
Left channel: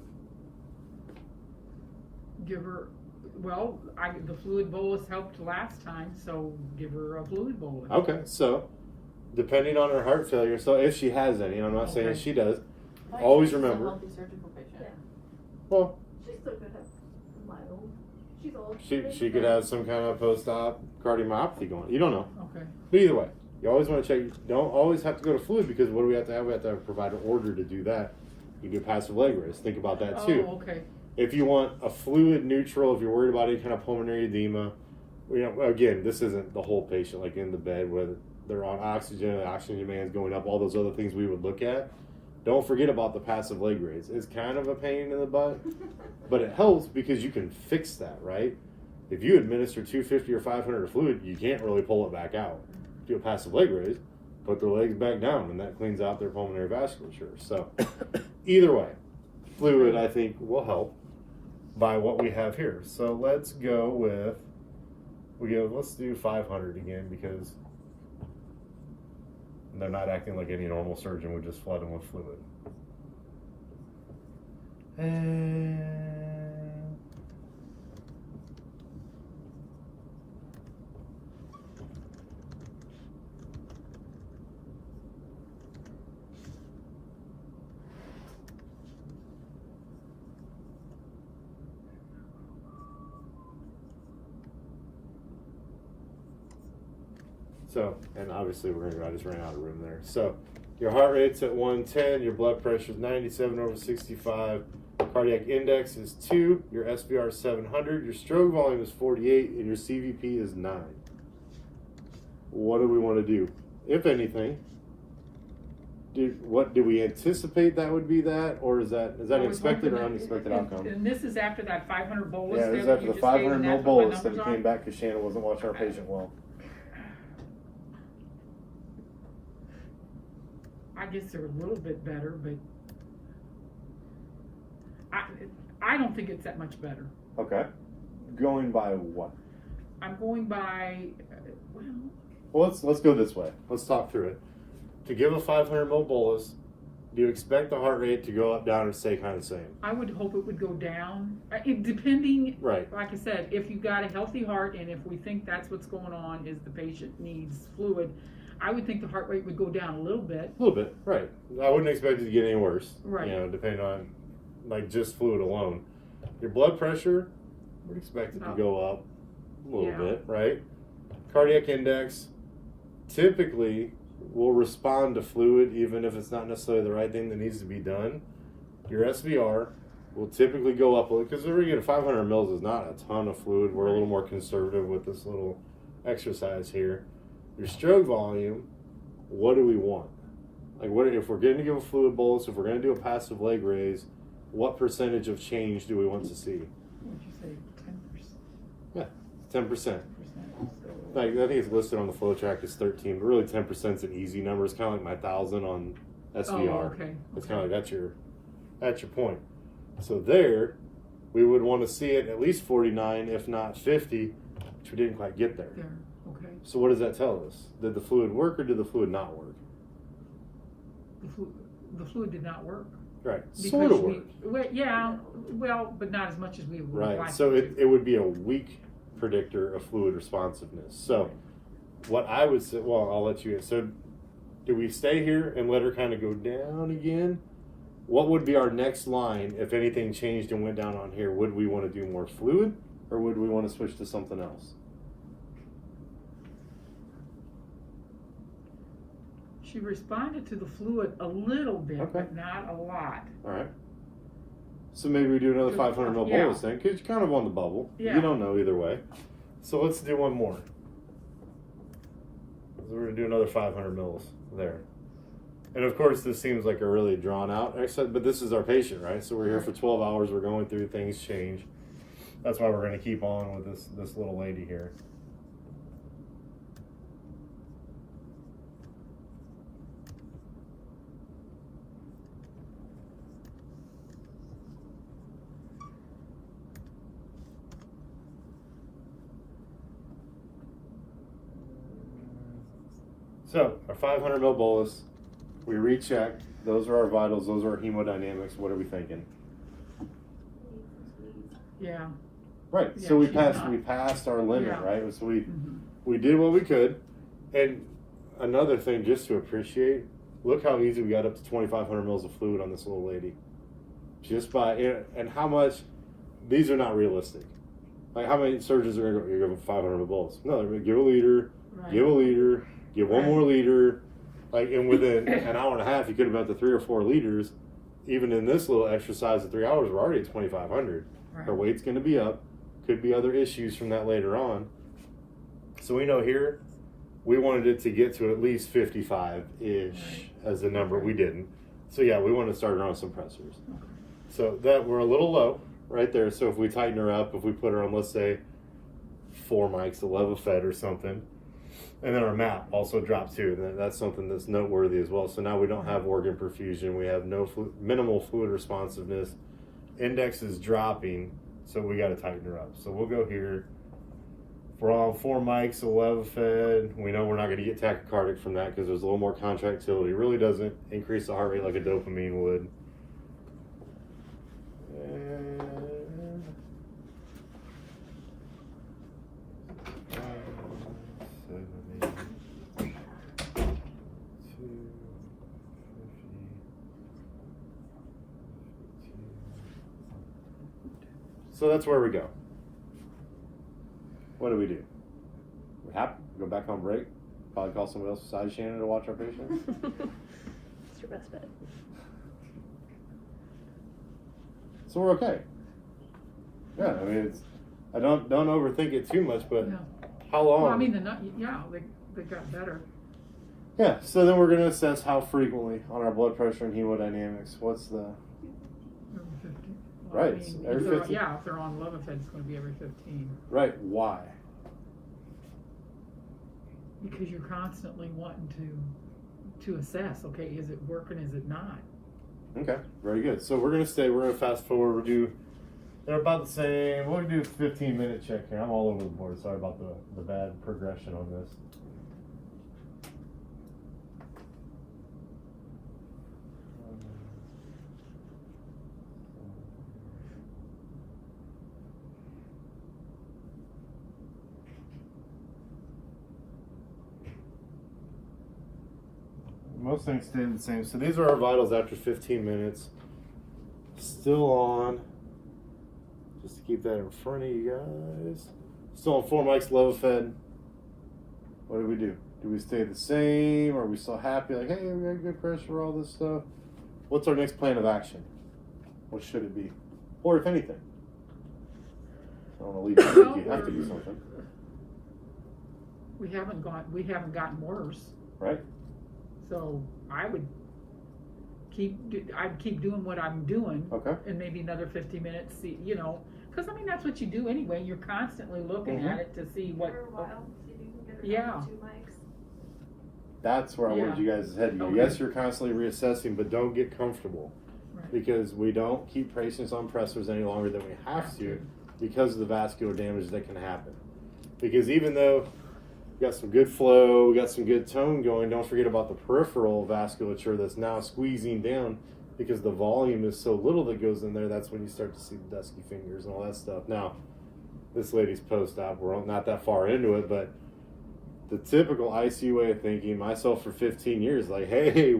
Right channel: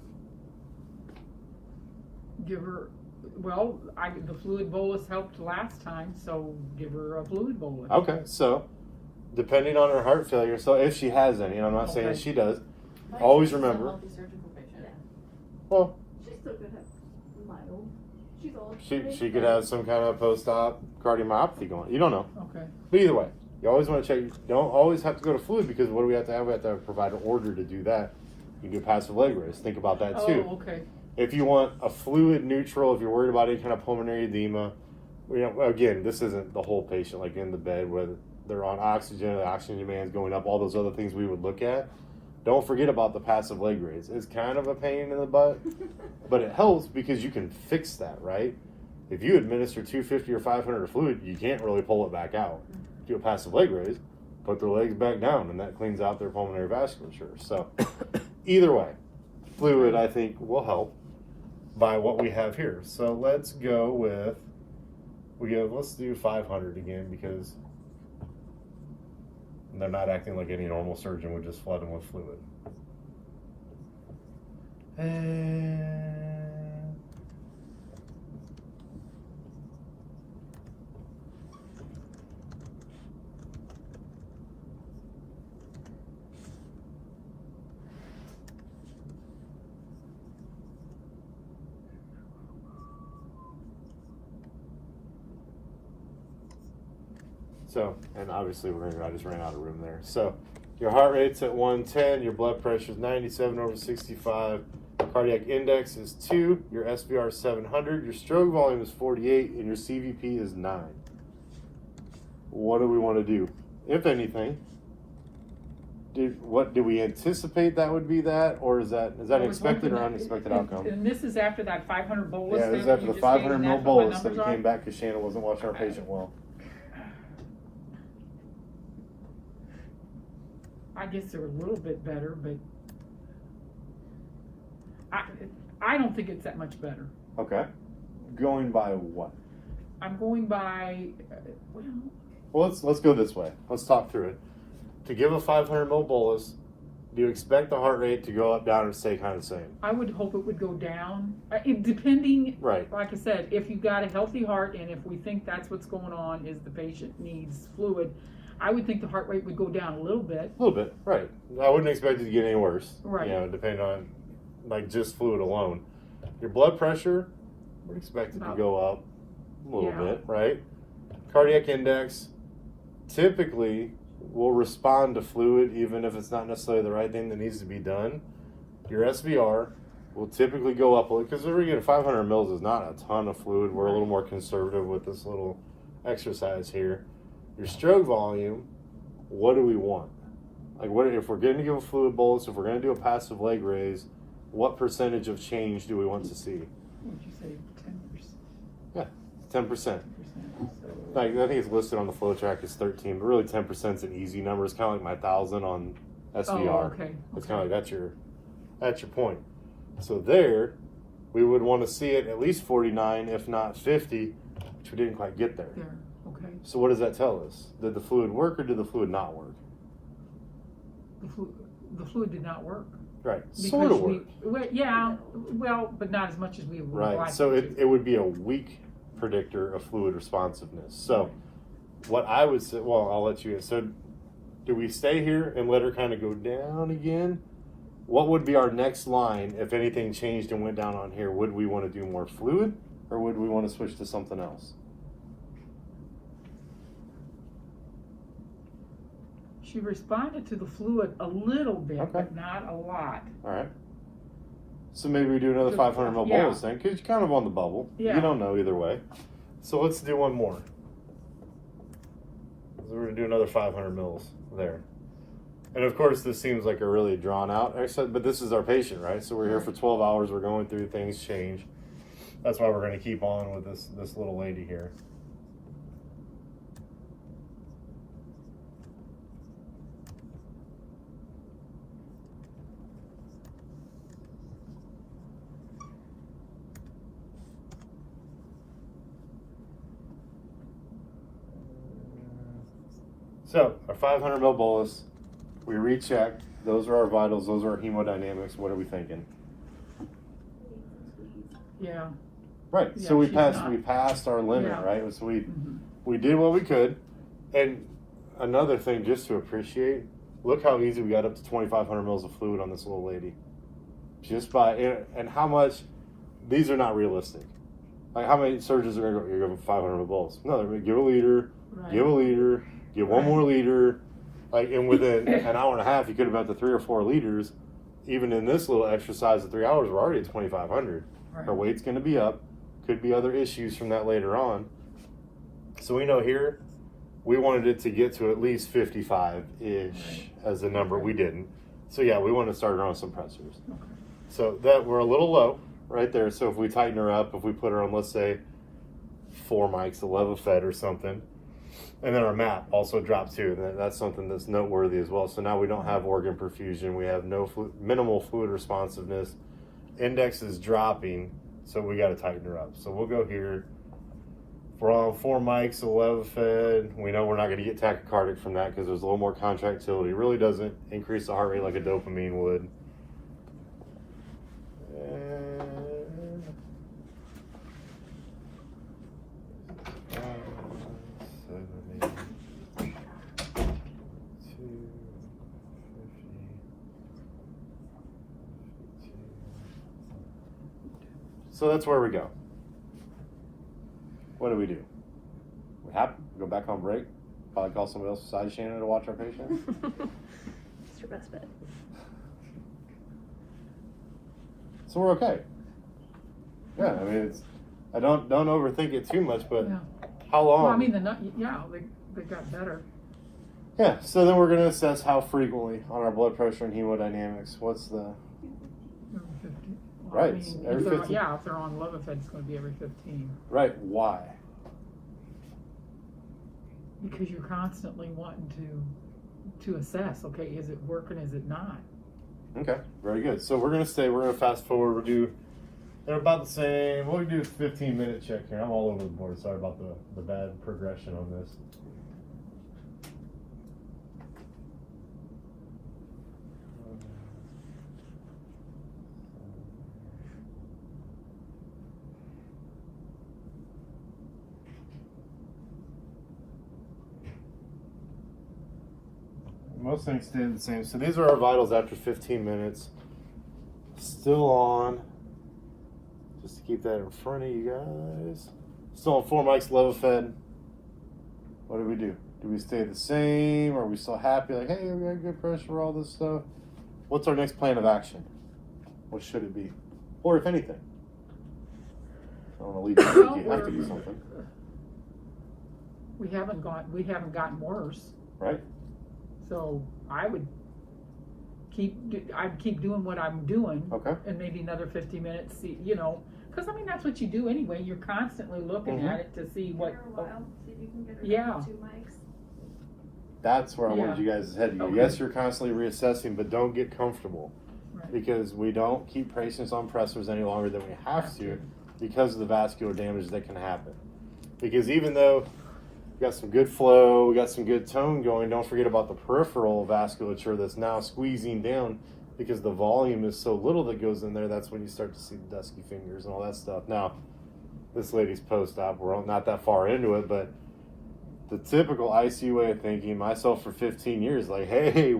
Give her. Well, the fluid bolus helped last time, so give her a fluid bolus. Okay. So depending on her heart failure, so if she has any, I'm not saying Okay. she does. Always remember. Well, She still could have mild. She's old. she could have some kind of post-op cardiomyopathy going. You don't know. Okay. But either way, you always want to check. You don't always have to go to fluid, because what do we have to have? We have to provide an order to do that. You do passive leg raise. Think about that too. Oh, okay. If you want a fluid neutral, if you're worried about any kind of pulmonary edema, again, this isn't the whole patient, like in the bed where they're on oxygen, the oxygen demand is going up, all those other things we would look at. Don't forget about the passive leg raise. It's kind of a pain in the butt, but it helps because you can fix that, right? If you administer 250 or 500 of fluid, you can't really pull it back out. Do a passive leg raise, put their legs back down, and that cleans out their pulmonary vasculature. So either way, fluid, I think, will help by what we have here. So let's go with let's do 500 again, because they're not acting like any normal surgeon would just flood them with fluid. And so, and obviously I just ran out of room there. So your heart rate's at 110, your blood pressure is 97/65, cardiac index is 2, your SVR is 700, your stroke volume is 48, and your CVP is 9. What do we want to do? If anything, did we anticipate that would be that, or is that an expected or unexpected outcome? And this is after that 500 bolus? Yeah, it was that after you the just 500 gave, ml that's what my bolus that we numbers came are? back because Shannon wasn't watching our patient well. I guess they're a little bit better, but I don't think it's that much better. Okay. Going by what? I'm going by, Well, let's go this way. Let's talk through it. To give a 500 ml bolus, do you expect the heart rate to go up, down, or stay kind of the same? I would hope it would go down. Depending, Right. like I said, if you've got a healthy heart and if we think that's what's going on is the patient needs fluid, I would think the heart rate would go down a little bit. A little bit, right. I wouldn't expect it to get any worse. Right. You know, depending on like just fluid alone. Your blood pressure, would expect it to go up a little bit, right? Cardiac index, typically will respond to fluid even if it's not necessarily the right thing that needs to be done. Your SVR will typically go up because we're getting 500 mils is not a ton of fluid. We're a little more conservative with this little exercise here. Your stroke volume, what do we want? Like, what if we're going to give a fluid bolus, if we're going to do a passive leg raise, what percentage of change do we want to see? What did you say, 10%? Yeah, 10%. So, Like, I think it's listed on the flow track as 13, but really 10% is an easy number. It's kind of like my 1,000 on SVR. okay. It's kind of like that's your point. So there, we would want to see it at least 49, if not 50, which we didn't quite get there. There, okay. So what does that tell us? Did the fluid work or did the fluid not work? The fluid did not work. Right, Because sort of worked. But not as much as we would Right, like. so it would be a weak predictor of fluid responsiveness. So what I would say, well, I'll let you, so do we stay here and let her kind of go down again? What would be our next line if anything changed and went down on here? Would we want to do more fluid or would we want to switch to something else? She responded to the fluid a little bit, Okay. but not a lot. All right. So maybe we do another 500 ml Yeah. bolus then, because you're kind of on the bubble. Yeah. You don't know either way. So let's do one more. So we're going to do another 500 mils there. And of course, this seems like a really drawn out exercise, but this is our patient, right? So we're here for 12 hours. We're going through things change. That's why we're going to keep on with this little lady here. So our 500 ml bolus, we recheck. Those are our vitals. Those are our hemodynamics. What are we thinking? Yeah. Right. Yeah, So we she's passed. not. We passed our limit. Yeah. Right. So we Mhm. we did what we could. And another thing, just to appreciate, look how easy we got up to 2,500 mils of fluid on this little lady. Just by and how much. These are not realistic. Like how many surgeons are going to go? You're going to 500 ml bolus. No, they're going to give a liter. Right. Give a liter, give one Right. more liter, like, and within an hour and a half, you could have got to 3 or 4 liters. Even in this little exercise of 3 hours, we're already at 2,500. Right. Her weight's going to be up. Could be other issues from that later on. So we know here, we wanted it to get to at least 55-ish Right. as a number. We didn't. So yeah, we want to start her on some pressors. Okay. So that we're a little low right there. So if we tighten her up, if we put her on, let's say, 4 mics, a Levofed or something, and then our MAP also dropped too. That's something that's noteworthy as well. So now we don't have organ perfusion. We have minimal fluid If we're on 4 mics of Levofed, we know we're not going to get tachycardic from that because there's a little more contractility. It really doesn't increase the heart rate like a dopamine would. And 70, 250. So that's where we go. What do? We have to go back on break. Probably call somebody else besides Shannon to watch our patient. It's your best bet. So we're okay. Yeah, I mean, I don't overthink it too much, but Yeah. how long? Well, I mean, they got better. Yeah, so then we're going to assess how frequently on our blood pressure and hemodynamics. What's the... Every 15. Right, I mean, every if they're- 15. Yeah, if they're on Levofed, it's going to be every 15. Right, why? Because you're constantly wanting to assess, okay, is it working, is it not? Okay, very good. So we're going to fast forward. They're about the same. We'll do a 15-minute check here. I'm all over the board. Sorry about the bad progression on this. Most things stay the same. So these are our vitals after 15 minutes. Still on. Just to keep that in front of you guys. Still on 4 mics, Levofed. What do we do? Do we stay the same? Are we still happy? Like, hey, we got good pressure, all this stuff. What's our next plan of action? What should it be? Or if anything? I don't want to leave you. You have to do something. We haven't gotten worse. Right? So I'd keep doing what I'm doing. Okay. And maybe another 50 minutes, see, because I mean, that's what you do anyway. You're constantly looking Mhm. at it to see what. Every while, see if you can get it Yeah. down to 2 mics. That's where I wanted you guys' head to go. Okay. Yes, you're constantly reassessing, but don't get comfortable. Right. Because we don't keep patients on pressors any longer than we have to because of the vascular damage that can happen. Because even though we got some good flow, we got some good tone going, don't forget about the peripheral vasculature that's now squeezing down because the volume is so little that goes in there. That's when you start to see the dusky fingers and all that stuff. Now, this lady's post-op, we're not that far into it, but the typical ICU way of thinking, myself for 15 years, like, hey,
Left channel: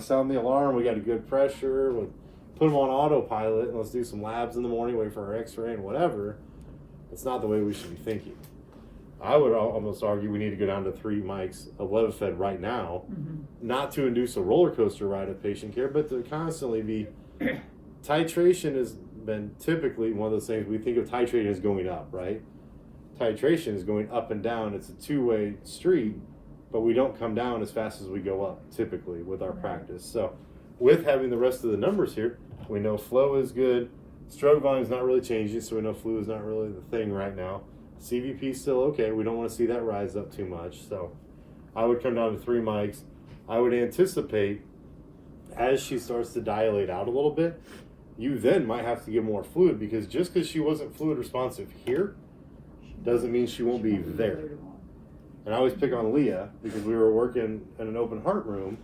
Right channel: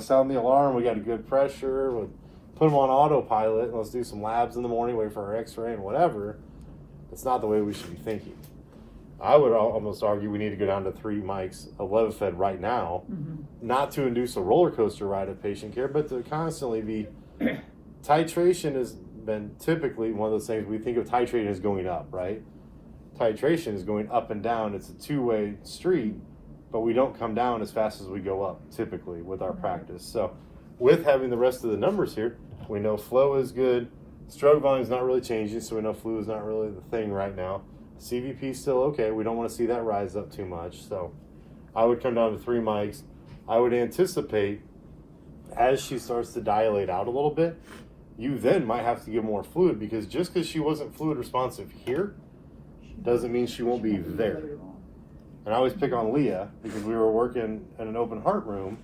sound the alarm, we got a good pressure, we'll put them on autopilot, and let's do some labs in the morning, wait for our x-ray and whatever. That's not the way we should be thinking. I would almost argue we need to go down to 3 mics of Levofed right now, not to induce a roller coaster ride of patient care, but to constantly be... Titration has been typically one of those things we think of titrating as going up, right? Titration is going up and down. It's a two-way street, but we don't come down as fast as we go up typically with our practice. So with having the rest of the numbers here, we know flow is good. Stroke volume is not really changing, so we know flu is not really the thing right now. CVP is still okay. We don't want to see that rise up too much. So I would come down to 3 mics. I would anticipate as she starts to dilate out a little bit, you then might have to give more fluid because just because she wasn't fluid responsive here doesn't mean she won't be there. And I always pick on Leah because we were working in an open heart room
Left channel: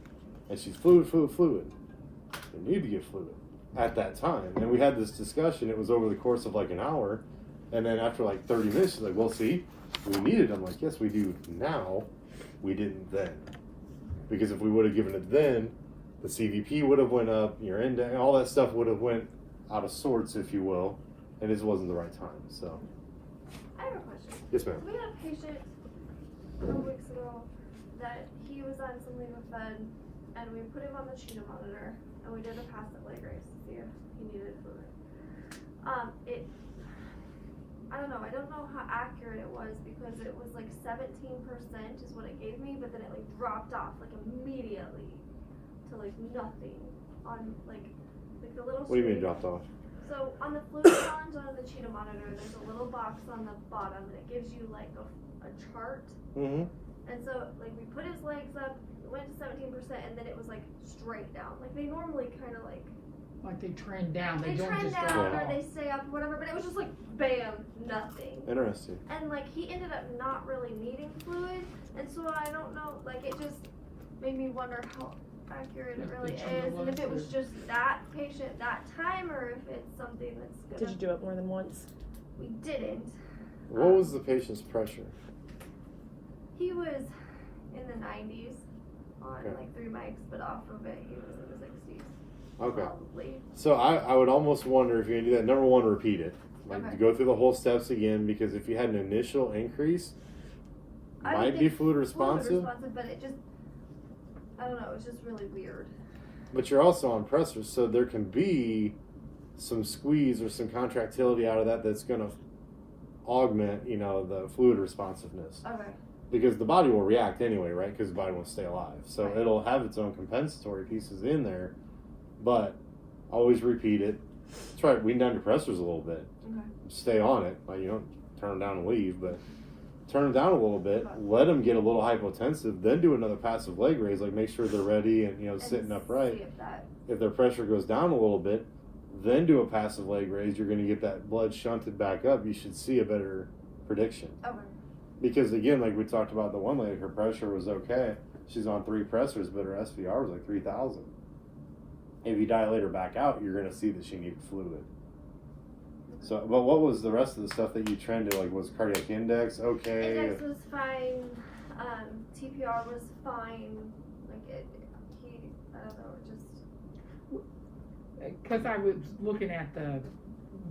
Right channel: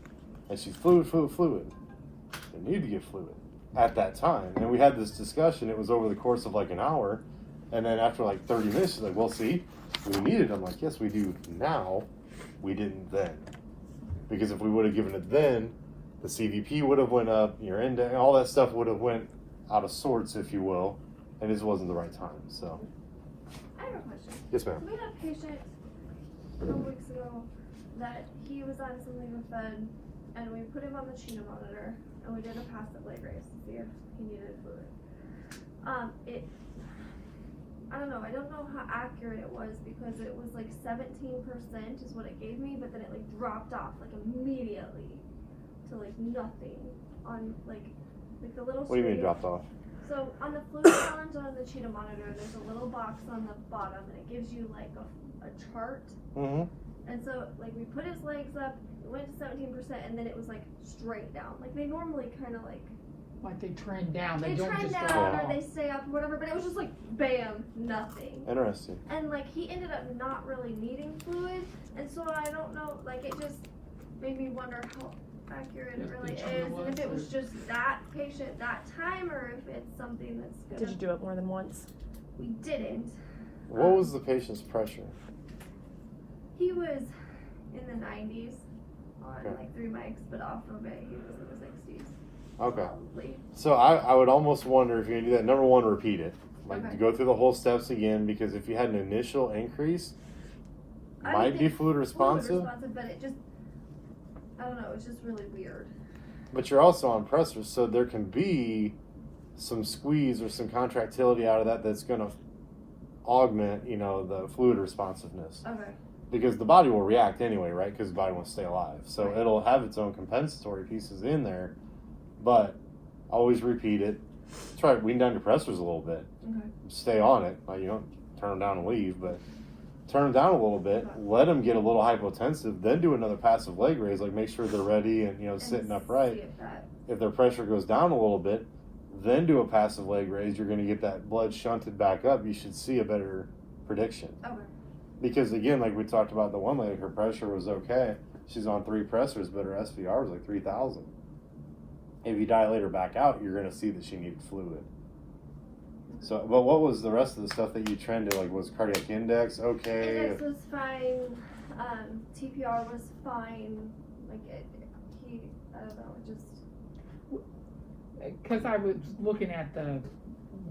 and she's fluid. I need to get fluid at that time. And we had this discussion. It was over the course of like an hour. And then after like 30 minutes, she's like, well, see, we need it. I'm like, yes, we do now. We didn't then. Because if we would have given it then, the CVP would have went up, your index, all that stuff would have went out of sorts, if you will. And this wasn't the right time, so. I have a question. Yes, ma'am. We had a patient a couple weeks ago that he was on some Levofed, and we put him on the Chino monitor, and we did a passive leg raise to see if he needed fluid. I don't know how accurate it was because it was like 17% is what it gave me, but then it like dropped off like immediately to like nothing on like the little. What do you mean screen. dropped off? So on the fluid challenge on the Cheetah monitor, there's a little box on the bottom and it gives you like a chart. Mm-hmm. And so like we put his legs up, it went to 17%, and then it was like straight down. Like they normally kind of like Like they trend down, they They don't trend just down drop or off. they stay up or whatever, but it was just like bam, nothing. Interesting. And like he ended up not really needing fluid, and so I don't know, like it just made me wonder how accurate it If really the is, cheetah and if it was, was just that patient that time, or if it's something that's Did gonna. you do it more than once? We didn't. What was the patient's pressure? He was in the 90s on Okay. like 3 mics, but after a bit he was in the 60s. Okay. Probably. So I would almost wonder if you're gonna do that. Number one, repeat it. Like Okay. go through the whole steps again, because if you had an initial increase, I might would be think fluid responsive, but it just, I don't know, it's just really weird. but you're also on pressors, so there can be some squeeze or some contractility out of that that's gonna augment, the fluid responsiveness. Okay. Because the body will react anyway, right? Because the body wants to stay alive. So Right. it'll have its own compensatory pieces in there, but always repeat it. Try to wean down your pressors a little bit. Okay. Stay on it. Like, you don't turn them down and leave, but turn them down a little bit. Let them get a little hypotensive. Then do another passive leg raise. Like, make sure they're ready and sitting And upright. see if that- If their pressure goes down a little bit, then do a passive leg raise. You're going to get that blood shunted back up. You should see a better prediction. Okay. Because again, like we talked about, the one lady, her pressure was okay. She's on 3 pressors, but her SVR was like 3,000. If you dilate her back out, you're going to see that she needs fluid. So, but what was the rest of the stuff that you trended? Like, was cardiac index okay? Index was fine. TPR was fine. Like I don't know, it just. Because I was looking at the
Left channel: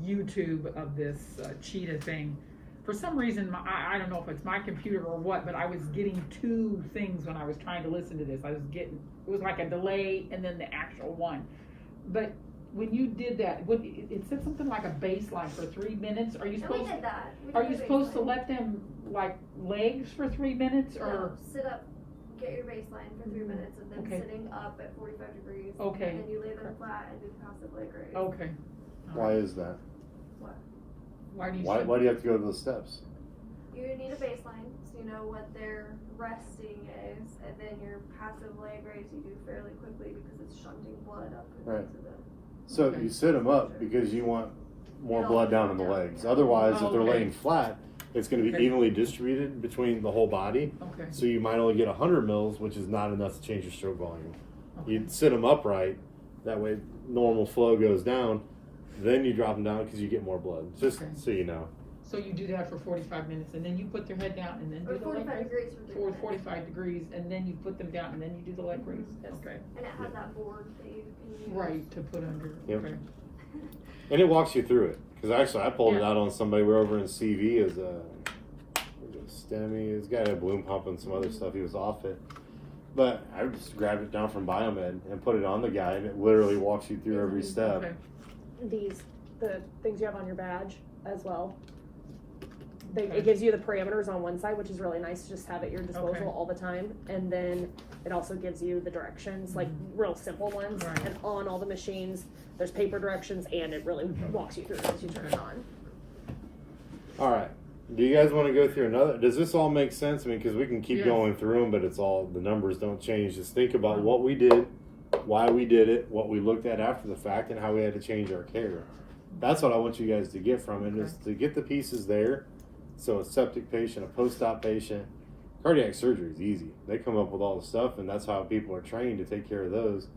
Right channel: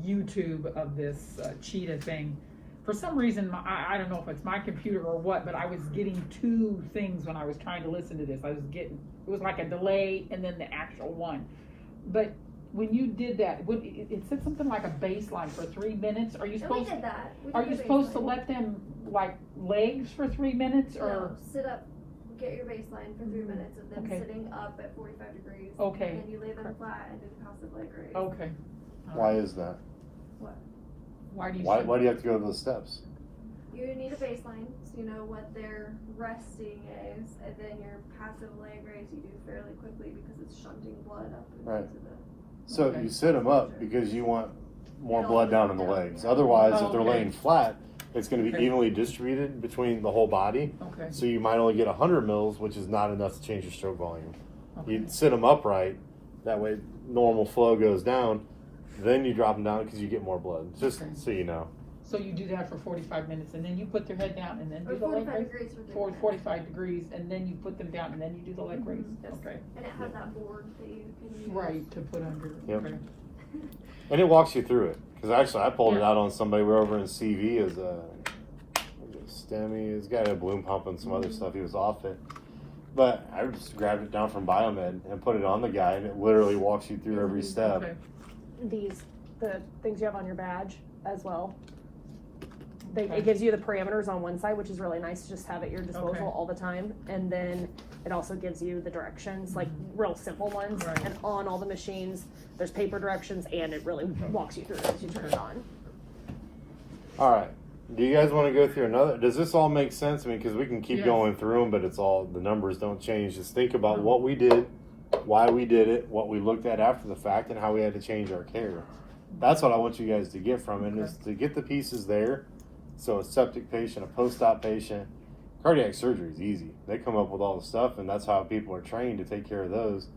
YouTube of this cheetah thing. For some reason, I don't know if it's my computer or what, but I was getting 2 things when I was trying to listen to this. It was like a delay and then the actual one. But when you did that, it said something like a baseline for 3 minutes. Are you And we supposed? did that. We Are did you the supposed to baseline. let them like legs for 3 minutes or? No, sit up, get your baseline for 3 minutes, and then Okay. sitting up at 45 degrees. Okay. And then you lay them flat and do passive leg raise. Okay. Why is that? Why do you? Why say- do you have to go to those steps? You need a baseline, so you know what their resting is, and then your passive leg raise you do fairly quickly because it's shunting blood up Right. into the. So Okay. you sit them up because you want more No, blood down in the down, legs. yeah. Otherwise, if they're Okay. laying flat, it's going to be Okay. evenly distributed between the whole body. Okay. So you might only get 100 mils, which is not enough to change your stroke volume. Okay. You sit them upright, that way normal flow goes down. Then you drop them down because you get more blood. Just Okay. so you know. So you do that for 45 minutes, and then you put their head down, and then do Or the leg 45 raise. degrees for 3 For minutes. 45 degrees, and then you put them down, and then you do the leg raise. Okay. And it has that board that you can use. Right, to put under. Yep. Okay. And it walks you through it. Because actually, I pulled it Yeah. out on somebody. We're over in CV as a STEMI. This guy had a balloon pump and some other stuff. He was off it. But I just grabbed it down from Biomed and put it on the guy, and it literally walks you through every step. Okay. The things you have on your badge as well. It gives you the parameters on one side, which is really nice to just have at your disposal Okay. all the time. And then it also gives you the directions, like real simple ones. Right. And on all the machines, there's paper directions, and it really walks you through as you turn it on. All right. Do you guys want to go through another? Does this all make sense? I mean, because we can keep Yes. going through them, but it's all, the numbers don't change. Just think about what we did, why we did it, what we looked at after the fact, and how we had to change our care. That's what I want you guys to get from it, is to get the pieces there. So a septic patient, a post-op patient, cardiac surgery is easy. They come up with all the stuff, and that's how people are trained to take care of those.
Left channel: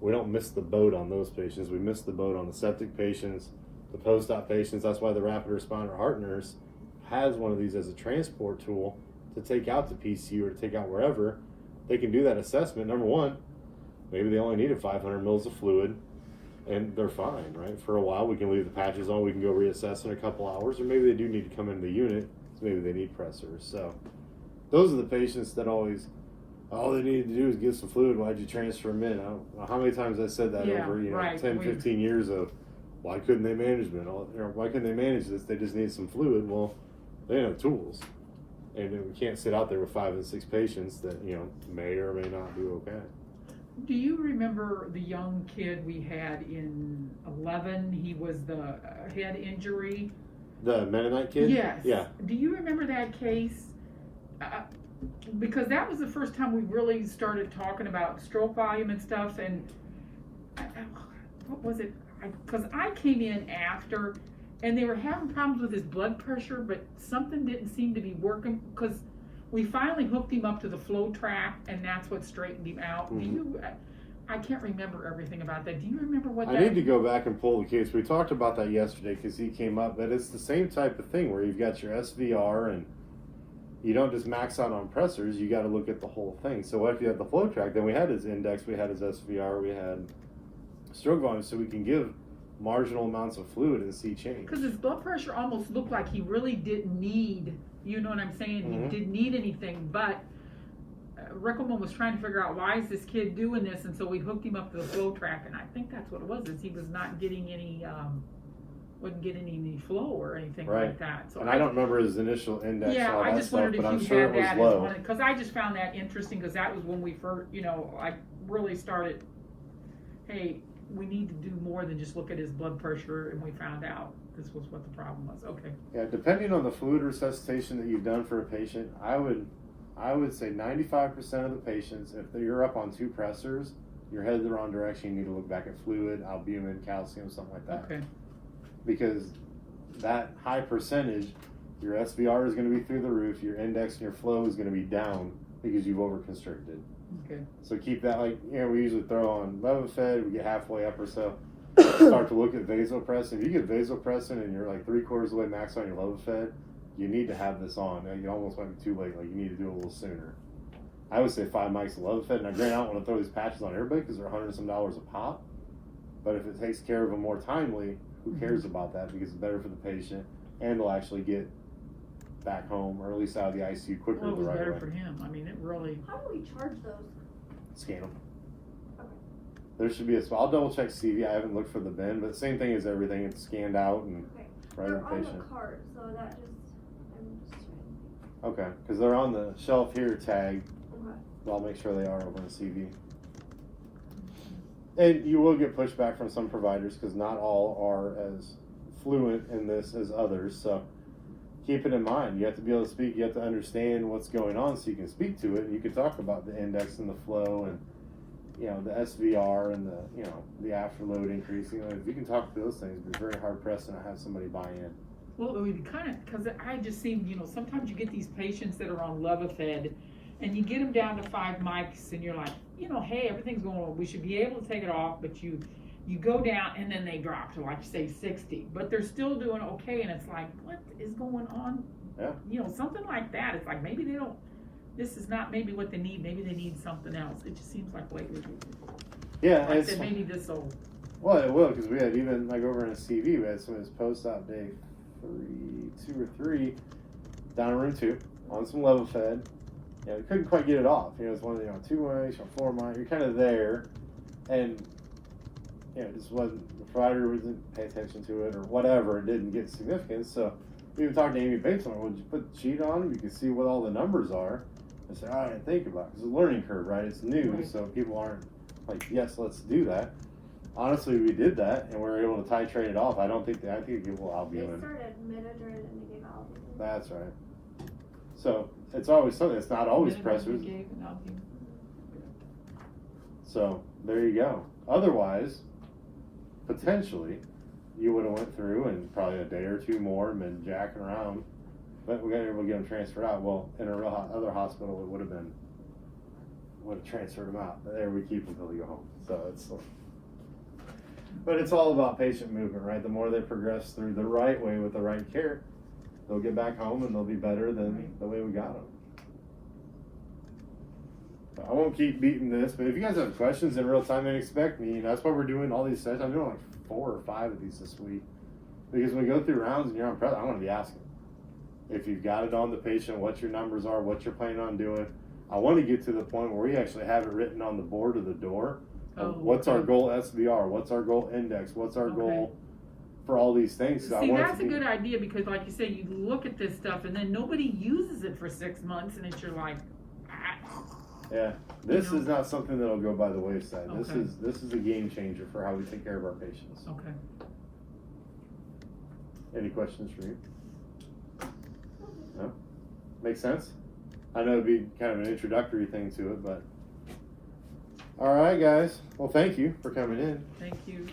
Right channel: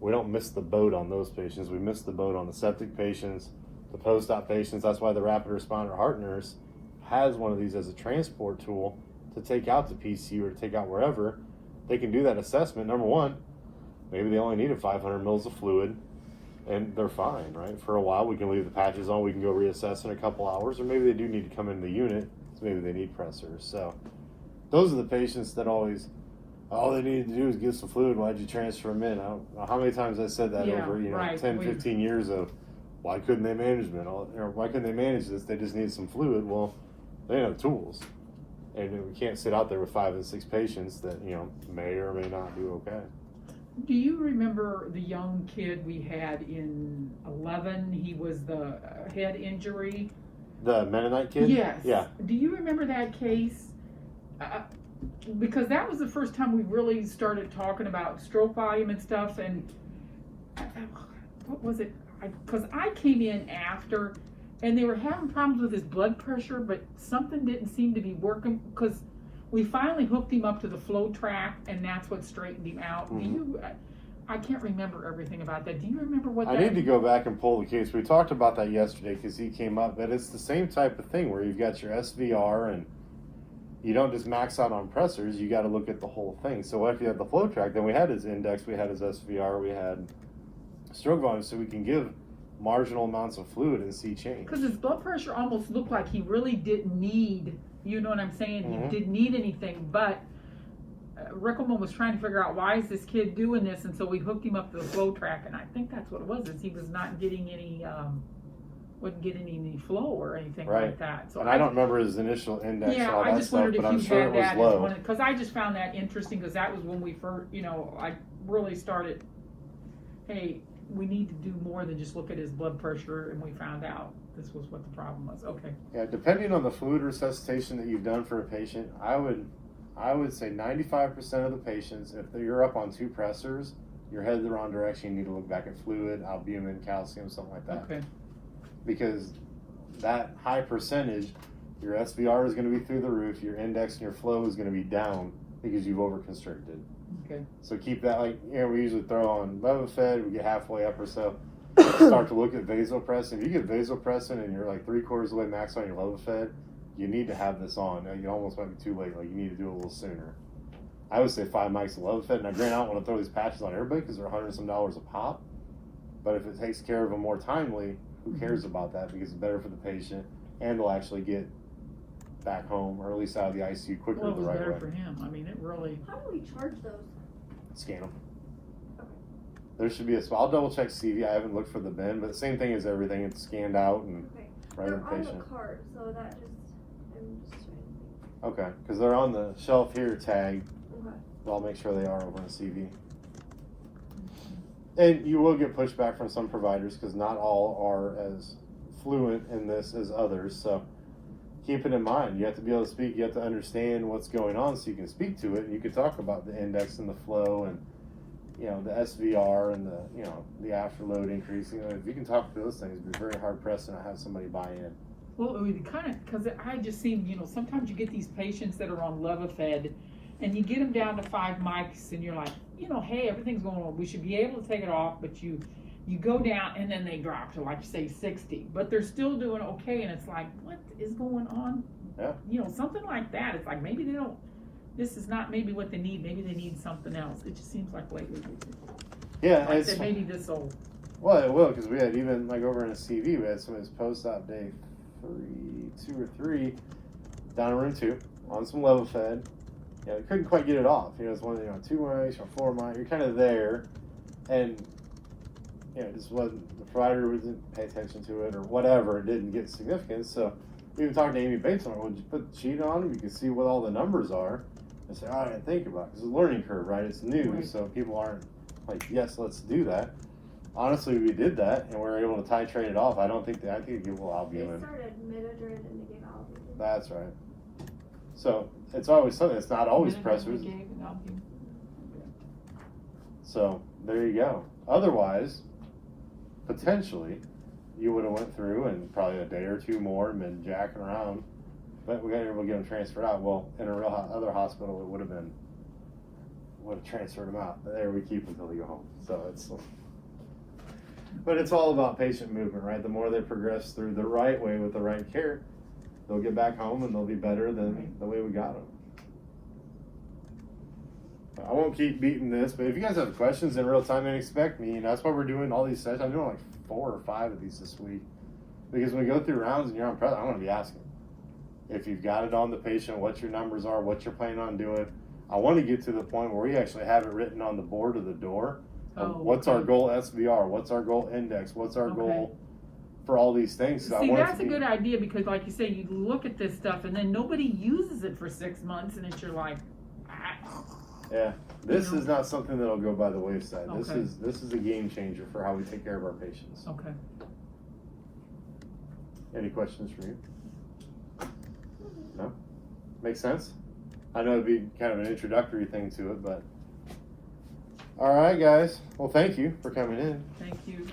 We don't miss the boat on those patients. We miss the boat on the septic patients, the post-op patients. That's why the rapid responder heart nurse has one of these as a transport tool to take out to PCU or to take out wherever. They can do that assessment. Number one, maybe they only needed 500 mils of fluid, and they're fine, right? For a while, we can leave the patches on. We can go reassess in a couple hours, or maybe they do need to come into the unit, so maybe they need pressors. So those are the patients that always, all they needed to do is get some fluid. Why'd you transfer them in? I don't know how many times I said that Yeah, over 10, right. 15 years of, why couldn't they manage it? Or why couldn't they manage this? They just need some fluid. Well, they don't have tools. And we can't sit out there with 5 and 6 patients that, may or may not do okay. Do you remember the young kid we had in 11? He was the head injury. The Mennonite kid? Yes. Yeah. Do you remember that case? Because that was the first time we really started talking about stroke volume and stuff, and what was it? Because I came in after, and they were having problems with his blood pressure, but something didn't seem to be working, because we finally hooked him up to the flow track, and that's what straightened him out. Mhm. I can't remember everything about that. Do you remember what I need to go back and pull the case. We talked about that yesterday because he came up, but it's the same type of thing where you've got your SVR and you don't just max out on pressors, you got to look at the whole thing. So if you have the flow track, then we had his index, we had his SVR, we had stroke volume, so we can give marginal amounts of fluid and see change. Because his blood pressure almost looked like he really didn't need, you know what I'm saying? Mhm. He didn't need anything, but Rickleman was trying to figure out why is this kid doing this, and so we hooked him up to the flow track, and I think that's what it was, is he was not getting any, wasn't getting any flow or anything Right. like that. So And I don't remember his initial index and yeah, all I that just stuff, wondered but if I'm you sure had it that was as low. one, because I just found that interesting, because that was when we first, you know, I really started, hey, we need to do more than just look at his blood pressure, and we found out this was what the problem was. Okay. Yeah, depending on the fluid resuscitation that you've done for a patient, I would say 95% of the patients, if you're up on 2 pressors, you're headed the wrong direction. You need to look back at fluid, albumin, calcium, something like that. Okay. Because that high percentage, your SVR is going to be through the roof, your index and your flow is going to be down because you've overconstricted. Okay. So keep that, like, you know, we usually throw on Levofed, we get halfway up or so, start to look at vasopressin. If you get vasopressin and you're like 3/4 of the way max on your Levofed, you need to have this on. And you almost went too late, like you need to do it a little sooner. I would say 5 mics of Levofed. Now, granted, I don't want to throw these patches on everybody because they're $100 some a pop, but if it takes care of them more timely, who cares about that? Because it's better for the patient and they'll actually get back home or at least out of the ICU quicker. Well, it was the right better way. for him. I mean, it really. How do we charge those? Scan them. Okay. There should be a spot. I'll double check CV. I haven't looked for the bin, but the same thing as everything. It's scanned out and Okay. right They're on the on the patient. card, so that just, I'm just trying Okay, because they're on the shelf here tag. to. Okay. I'll make sure they are over in CV. And you will get pushback from some providers because not all are as fluent in this as others. So keep it in mind. You have to be able to speak. You have to understand what's going on so you can speak to it. You can talk about the index and the flow and, you know, the SVR and the, you know, the afterload increasing. If you can talk to those things, it'd be very hard pressed to not have somebody buy in. Well, it would kind of, because I just seen, you know, sometimes you get these patients that are on Levofed, and you get them down to 5 mics, and you're like, you know, hey, everything's going well. We should be able to take it off, but you go down, and then they drop to, like, say, 60. But they're still doing okay, and it's like, what is going on? Yeah. You know, something like that. It's like, maybe they don't, this is not maybe what they need. Maybe they need something else. It just seems like lately. Yeah, Like I said, maybe this will. well, it will, because we had even, like, over in a CV, we had some of his post-op day 2 or 3 down in room 2 on some Levofed. Yeah, they couldn't quite get it off. You know, it's one of the 2 mics or 4 mics. You're kind of there, and yeah, it just wasn't, the provider didn't pay attention to it or whatever. It didn't get significance. So even talking to Amy Bates on it, would you put the sheet on him? You can see what all the numbers are and say, oh, I didn't think about it. It's a learning curve, right? It's new, Right. so people aren't like, yes, let's do that. Honestly, we did that and we were able to titrate it off. I think it gave a little They albumin. started mid-adrenaline and they gave albumin. That's right. So it's always something. It's not always pressors. So there you go. Otherwise, potentially, you would have went through and probably a day or 2 more and been jacking around. But we got able to get them transferred out. Well, in a real other hospital, it would have transferred them out. But there we keep them until they go home. So it's. But it's all about patient movement, right? The more they progress through the right way with the right care, they'll get back home and they'll be better than the way we got them. I won't keep beating this, but if you guys have questions in real time, then expect me. And that's why we're doing all these sessions. I'm doing like 4 or 5 of these this week. Because when we go through rounds and you're on press, I'm going to be asking. If you've got it on the patient, what your numbers are, what you're planning on doing. I want to get to the point where we actually have it written on the board of the door. What's our goal SVR? What's our goal index? What's our goal for all these things? See, that's a good idea, because like you say, you look at this stuff and then nobody uses it for 6 months, and it's you're like, ah. Yeah, this is not something that'll go by the wayside. Okay. This is a game changer for how we take care of our patients. Okay. Any questions for you? No? Make sense? I know it'd be kind of an introductory thing to it, but all right, guys. Well, thank you for coming in. Thank you.